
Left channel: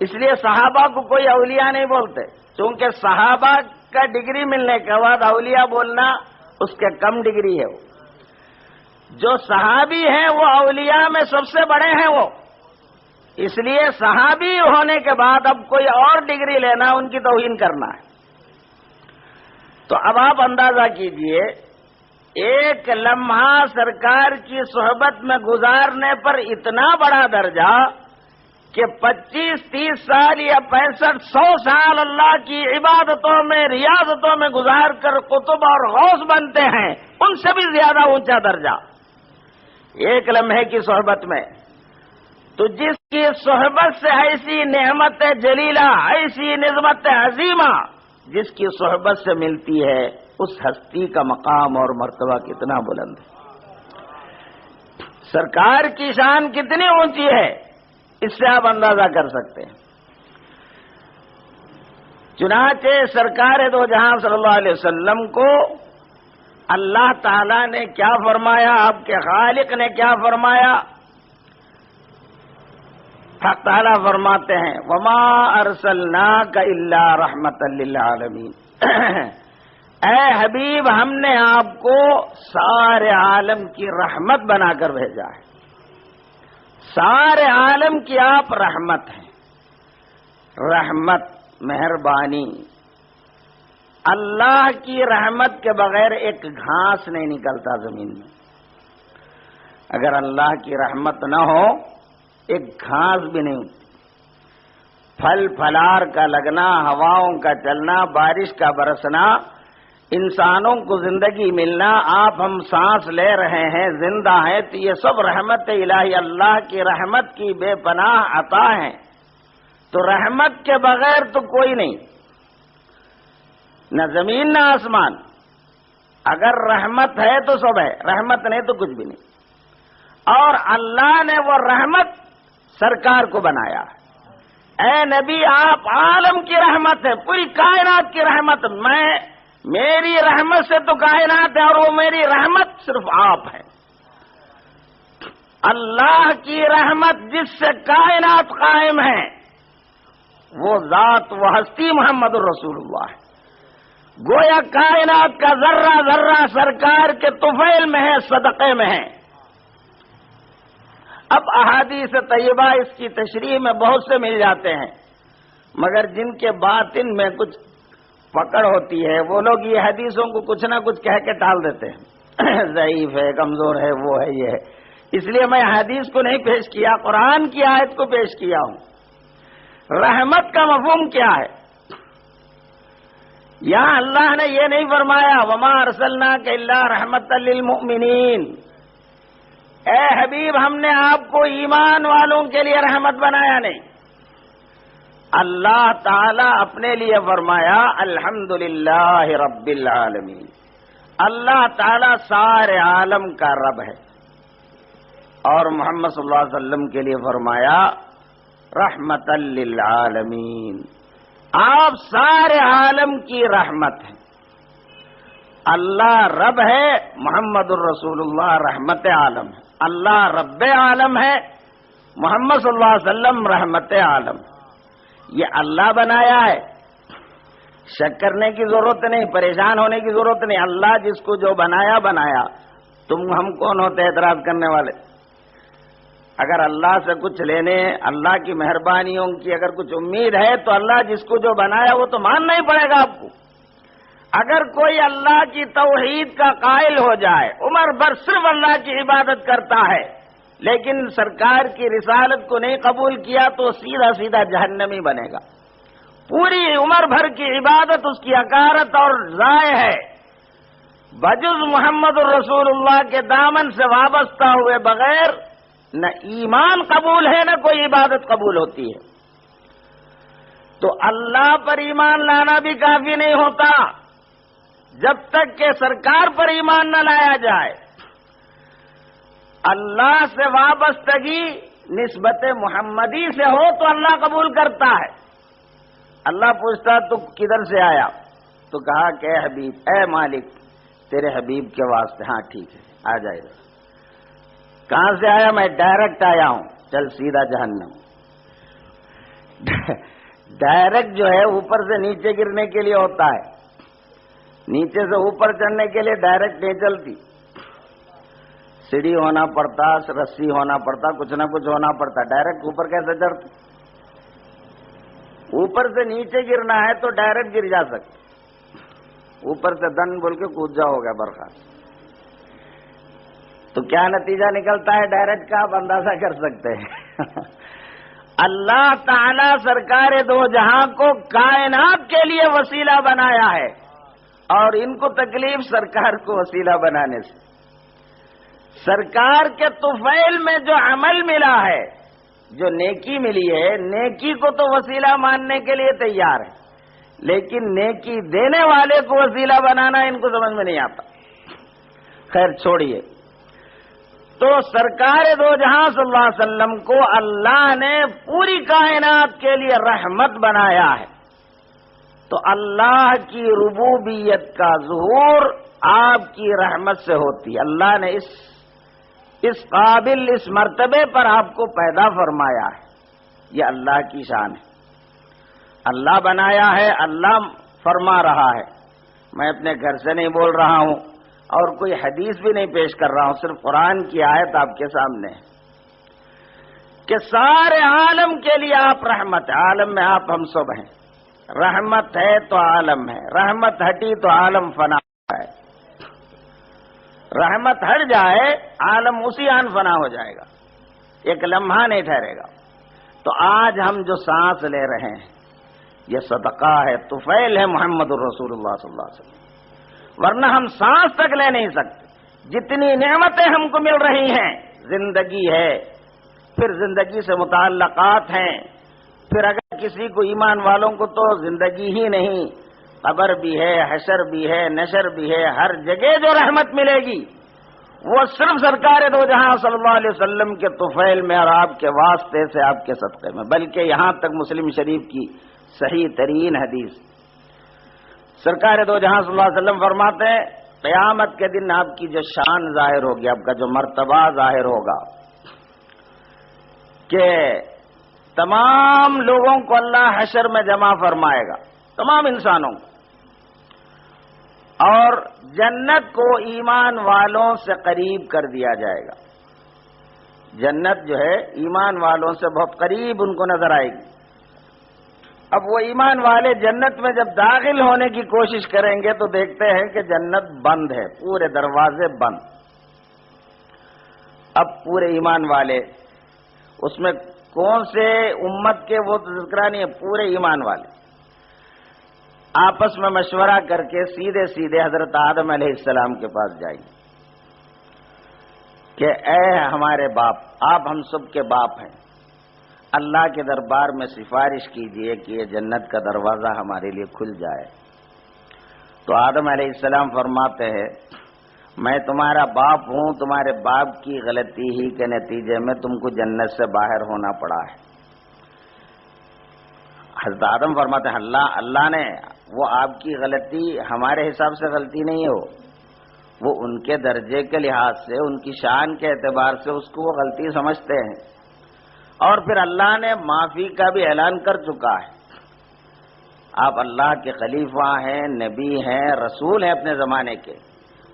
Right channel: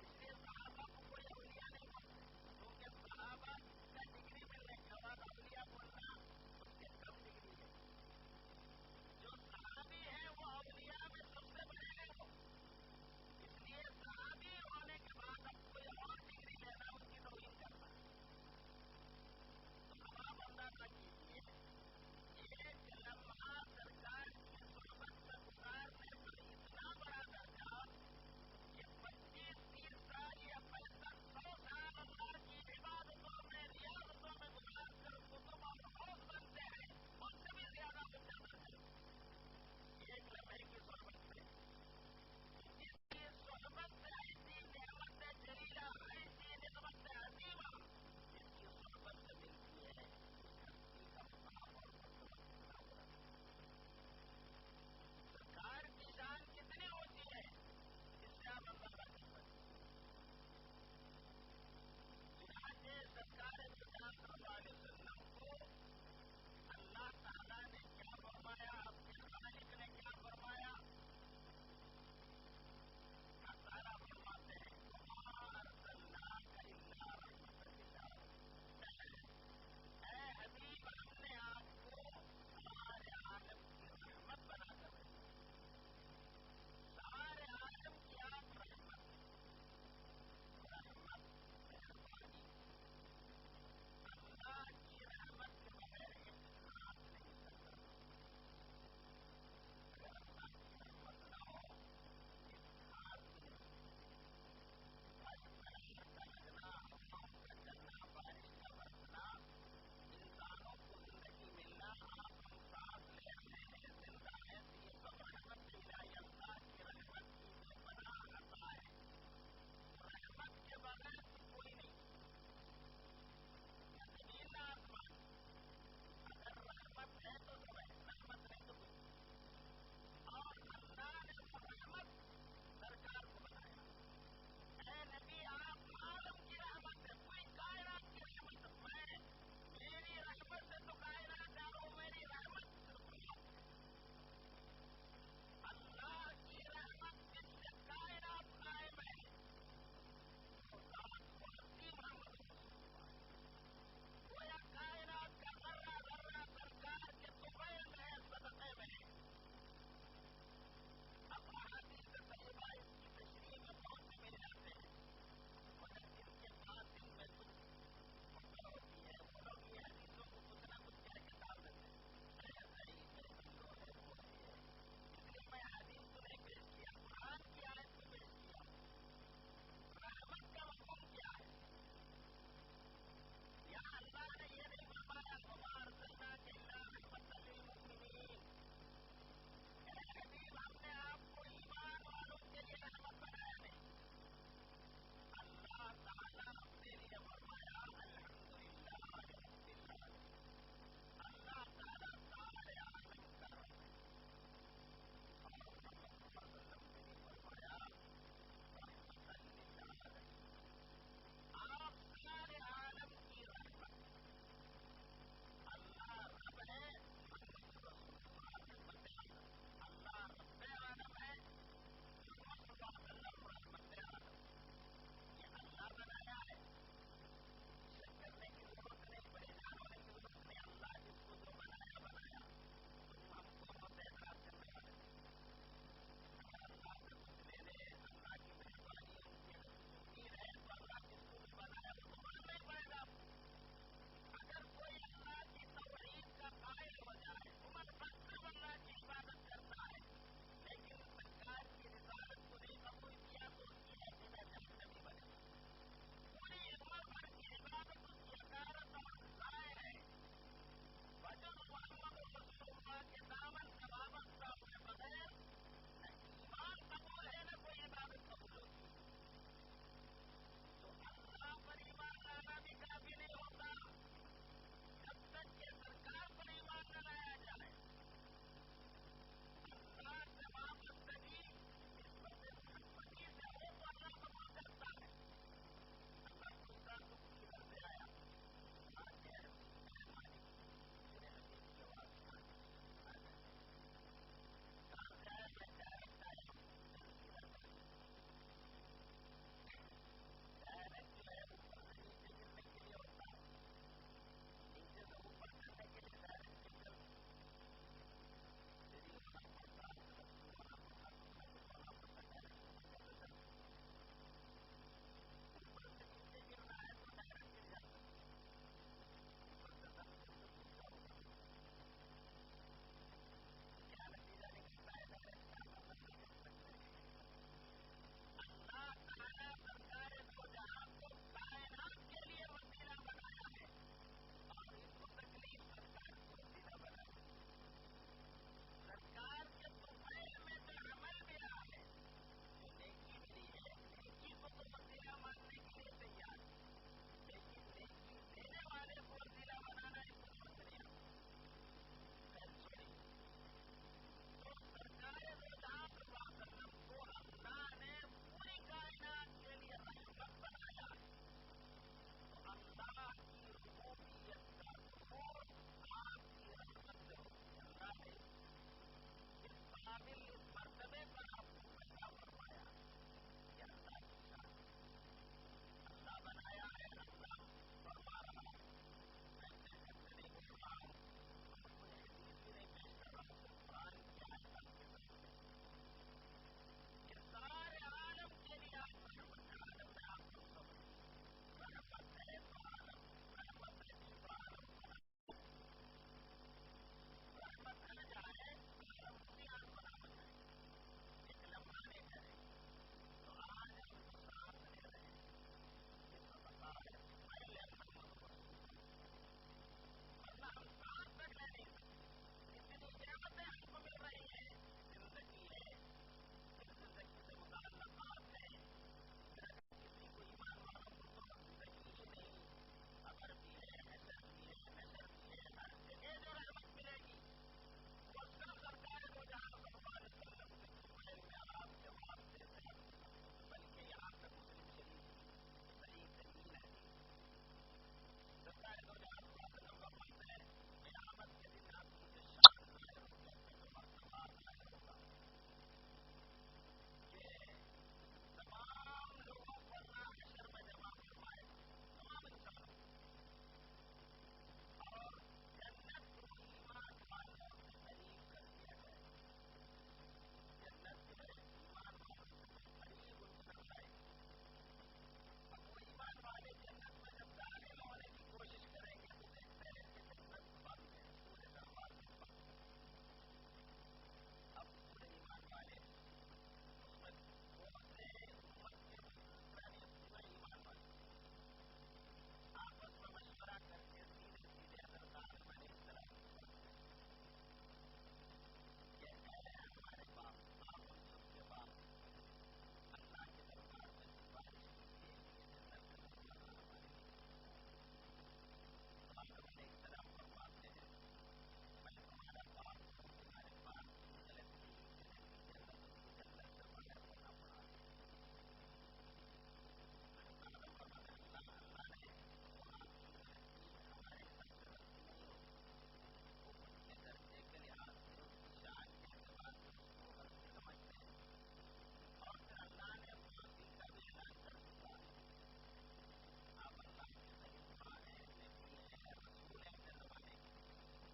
اس لیے صحابہ کو کوئی اولیاء نہیں بولتے، چونکہ صحابہ کا ڈگری ملنے کے بعد اولیاء بولنا اس کے کم ڈگری ہے. جو صحابی ہیں وہ اولیاء میں سب سے بڑے ہیں وہ. اس لیے صحابی ہونے کے بعد اب کوئی اور ڈگری لینا ان کی توہین کرنا ہے. تو اب آپ اندازہ کیجئے، ایک لمحہ سرکار کی صحبت میں گزارنے پر اتنا بڑا درجہ کہ 25-30 سال یا 65-100 سال اللہ کی عبادتوں میں، ریاضتوں میں گزار کر قطب اور غوث بنتے ہیں، ان سے بھی زیادہ اونچا درجہ ایک لمحے کی صحبت میں. تو جس کی صحبت سے ایسی نعمت جلیلہ، ایسی نعمت عظیمہ جس کی صحبت سے ملتی ہے، اس ہستی کا مقام اور مرتبہ کتنا بلند ہے. سرکار کی شان کتنی اونچی ہے، اس سے آپ اندازہ کر سکتے ہیں. چنانچہ سرکار دو جہاں صلی اللہ علیہ وسلم کو اللہ تعالی نے کیا فرمایا، آپ کے خالق نے کیا فرمایا؟ حق تعالیٰ فرماتے ہیں وما ارسلناک الا رحمتا للعالمین، اے حبیب ہم نے آپ کو سارے عالم کی رحمت بنا کر بھیجا ہے، سارے عالم کی آپ رحمت ہیں۔ رحمت، مہربانی، اللہ کی رحمت کے بغیر ایک گھاس نہیں نکلتا زمین میں۔ اگر اللہ کی رحمت نہ ہو ایک گھاس بھی نہیں ہوتی۔ پھل پھلار کا لگنا، ہواؤں کا چلنا، بارش کا برسنا، انسانوں کو زندگی ملنا، آپ ہم سانس لے رہے ہیں، زندہ ہیں، تو یہ سب رحمت الہی، اللہ کی رحمت کی بے پناہ عطا ہے۔ تو رحمت کے بغیر تو کوئی نہیں، نہ زمین نہ آسمان۔ اگر رحمت ہے تو سب ہے، رحمت نہیں تو کچھ بھی نہیں۔ اور اللہ نے وہ رحمت سرکار کو بنایا۔ اے نبی آپ عالم کی رحمت ہے، پوری کائنات کی رحمت۔ میری رحمت سے تو کائنات ہے، اور وہ میری رحمت صرف آپ ہے۔ اللہ کی رحمت جس سے کائنات قائم ہے وہ ذات و ہستی محمد الرسول اللہ ہے۔ گویا کائنات کا ذرہ ذرہ سرکار کے طفیل میں ہے، صدقے میں ہے۔ اب احادیث طیبہ اس کی تشریح میں بہت سے مل جاتے ہیں، مگر جن کے باطن میں کچھ پکڑ ہوتی ہے وہ لوگ یہ حدیثوں کو کچھ نہ کچھ کہہ کے ٹال دیتے ہیں، ضعیف ہے، کمزور ہے، وہ ہے، یہ ہے۔ اس لیے میں حدیث کو نہیں پیش کیا، قرآن کی آیت کو پیش کیا ہوں۔ رحمت کا مفہوم کیا ہے؟ یہاں اللہ نے یہ نہیں فرمایا وما ارسلناک الا رحمتا للمؤمنین، اے حبیب ہم نے آپ کو ایمان والوں کے لیے رحمت بنایا، نہیں۔ اللہ تعالی اپنے لیے فرمایا الحمدللہ رب العالمین، اللہ تعالی سارے عالم کا رب ہے۔ اور محمد صلی اللہ علیہ وسلم کے لیے فرمایا رحمتا للعالمین، آپ سارے عالم کی رحمت ہیں۔ اللہ رب ہے، محمد الرسول اللہ رحمت عالم ہے۔ اللہ رب عالم ہے، محمد صلی اللہ علیہ وسلم رحمت عالم ہے۔ یہ اللہ بنایا ہے، شک کرنے کی ضرورت نہیں، پریشان ہونے کی ضرورت نہیں۔ اللہ جس کو جو بنایا بنایا، تم ہم کون ہوتے اعتراض کرنے والے؟ اگر اللہ سے کچھ لینے، اللہ کی مہربانیوں کی اگر کچھ امید ہے تو اللہ جس کو جو بنایا وہ تو ماننا ہی پڑے گا آپ کو۔ اگر کوئی اللہ کی توحید کا قائل ہو جائے، عمر بھر صرف اللہ کی عبادت کرتا ہے لیکن سرکار کی رسالت کو نہیں قبول کیا تو سیدھا سیدھا جہنمی بنے گا۔ پوری عمر بھر کی عبادت اس کی حقارت اور ضائع ہے، بجز محمد الرسول اللہ کے دامن سے وابستہ ہوئے بغیر نہ ایمان قبول ہے نہ کوئی عبادت قبول ہوتی ہے۔ تو اللہ پر ایمان لانا بھی کافی نہیں ہوتا جب تک کہ سرکار پر ایمان نہ لایا جائے۔ اللہ سے وابستگی نسبت محمدی سے ہو تو اللہ قبول کرتا ہے۔ اللہ پوچھتا تو کدھر سے آیا؟ تو کہا کہ اے حبیب، اے مالک تیرے حبیب کے واسطے۔ ہاں ٹھیک ہے، آ جائے گا۔ کہاں سے آیا؟ میں ڈائریکٹ آیا ہوں۔ چل سیدھا جہنم۔ ڈائریکٹ جو ہے اوپر سے نیچے گرنے کے لیے ہوتا ہے، نیچے سے اوپر چڑھنے کے لیے ڈائریکٹ نہیں چلتی، سیڑھی ہونا پڑتا، رسی ہونا پڑتا، کچھ نہ کچھ ہونا پڑتا۔ ڈائریکٹ اوپر کیسے چڑھتے؟ اوپر سے نیچے گرنا ہے تو ڈائریکٹ گر جا سکتے، اوپر سے دن بول کے کود جاؤ گا برخاست۔ تو کیا نتیجہ نکلتا ہے ڈائریکٹ کا آپ اندازہ کر سکتے ہیں۔ اللہ تعالی سرکار دو جہاں کو کائنات کے لیے وسیلہ بنایا ہے، اور ان کو تکلیف سرکار کو وسیلہ بنانے سے۔ سرکار کے طفیل میں جو عمل ملا ہے، جو نیکی ملی ہے، نیکی کو تو وسیلہ ماننے کے لیے تیار ہے، لیکن نیکی دینے والے کو وسیلہ بنانا ان کو سمجھ میں نہیں آتا۔ خیر چھوڑیے۔ تو سرکار دو جہاں صلی اللہ علیہ وسلم کو اللہ نے پوری کائنات کے لیے رحمت بنایا ہے۔ تو اللہ کی ربوبیت کا ظہور آپ کی رحمت سے ہوتی ہے۔ اللہ نے اس قابل، اس مرتبے پر آپ کو پیدا فرمایا ہے۔ یہ اللہ کی شان ہے، اللہ بنایا ہے، اللہ فرما رہا ہے، میں اپنے گھر سے نہیں بول رہا ہوں اور کوئی حدیث بھی نہیں پیش کر رہا ہوں، صرف قرآن کی آیت آپ کے سامنے ہے کہ سارے عالم کے لیے آپ رحمت ہے، عالم میں آپ ہم سب ہیں، رحمت ہے تو عالم ہے، رحمت ہٹی تو عالم فنا ہے، رحمت ہٹ جائے عالم اسی آن فنا ہو جائے گا، ایک لمحہ نہیں ٹھہرے گا۔ تو آج ہم جو سانس لے رہے ہیں یہ صدقہ ہے، طفیل ہے محمد الرسول اللہ صلی اللہ علیہ وسلم، ورنہ ہم سانس تک لے نہیں سکتے۔ جتنی نعمتیں ہم کو مل رہی ہیں، زندگی ہے، پھر زندگی سے متعلقات ہیں، پھر اگر کسی کو ایمان والوں کو تو زندگی ہی نہیں، قبر بھی ہے، حشر بھی ہے، نشر بھی ہے، ہر جگہ جو رحمت ملے گی وہ صرف سرکار دو جہاں صلی اللہ علیہ وسلم کے طفیل میں اور آپ کے واسطے سے، آپ کے صدقے میں۔ بلکہ یہاں تک مسلم شریف کی صحیح ترین حدیث، سرکار دو جہاں صلی اللہ علیہ وسلم فرماتے ہیں قیامت کے دن آپ کی جو شان ظاہر ہوگی، آپ کا جو مرتبہ ظاہر ہوگا کہ تمام لوگوں کو اللہ حشر میں جمع فرمائے گا، تمام انسانوں کو، اور جنت کو ایمان والوں سے قریب کر دیا جائے گا۔ جنت جو ہے ایمان والوں سے بہت قریب ان کو نظر آئے گی۔ اب وہ ایمان والے جنت میں جب داخل ہونے کی کوشش کریں گے تو دیکھتے ہیں کہ جنت بند ہے، پورے دروازے بند۔ اب پورے ایمان والے، اس میں کون سے امت کے وہ تذکرہ نہیں ہے، پورے ایمان والے آپس میں مشورہ کر کے سیدھے سیدھے حضرت آدم علیہ السلام کے پاس جائیں گے کہ اے ہمارے باپ، آپ ہم سب کے باپ ہیں، اللہ کے دربار میں سفارش کیجئے کہ یہ جنت کا دروازہ ہمارے لیے کھل جائے۔ تو آدم علیہ السلام فرماتے ہیں میں تمہارا باپ ہوں، تمہارے باپ کی غلطی ہی کے نتیجے میں تم کو جنت سے باہر ہونا پڑا ہے۔ حضرت آدم فرماتے ہیں اللہ نے، وہ آپ کی غلطی ہمارے حساب سے غلطی نہیں ہو، وہ ان کے درجے کے لحاظ سے، ان کی شان کے اعتبار سے اس کو وہ غلطی سمجھتے ہیں، اور پھر اللہ نے معافی کا بھی اعلان کر چکا ہے۔ آپ اللہ کے خلیفہ ہیں، نبی ہیں، رسول ہیں اپنے زمانے کے،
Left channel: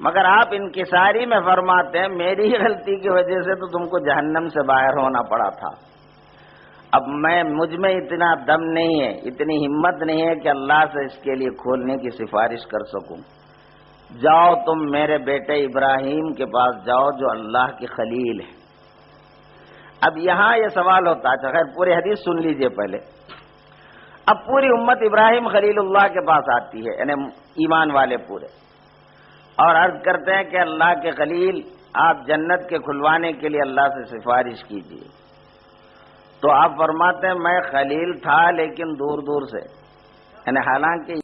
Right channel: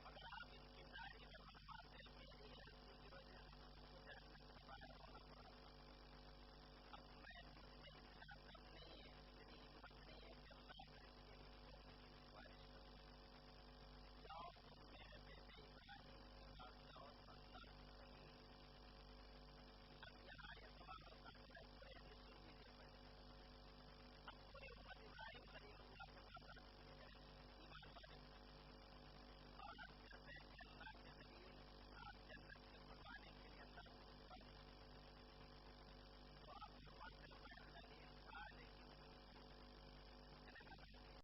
مگر آپ انکساری میں فرماتے ہیں میری غلطی کی وجہ سے تو تم کو جہنم سے باہر ہونا پڑا تھا۔ اب مجھ میں اتنا دم نہیں ہے، اتنی ہمت نہیں ہے کہ اللہ سے اس کے لیے کھولنے کی سفارش کر سکوں۔ جاؤ تم میرے بیٹے ابراہیم کے پاس جاؤ جو اللہ کی خلیل ہے۔ اب یہاں یہ سوال ہوتا ہے، خیر پوری حدیث سن لیجئے پہلے۔ اب پوری امت ابراہیم خلیل اللہ کے پاس آتی ہے، یعنی ایمان والے پورے، اور عرض کرتے ہیں کہ اللہ کے خلیل آپ جنت کے کھلوانے کے لیے اللہ سے سفارش کیجیے۔ تو آپ فرماتے ہیں میں خلیل تھا لیکن دور دور سے، یعنی حالانکہ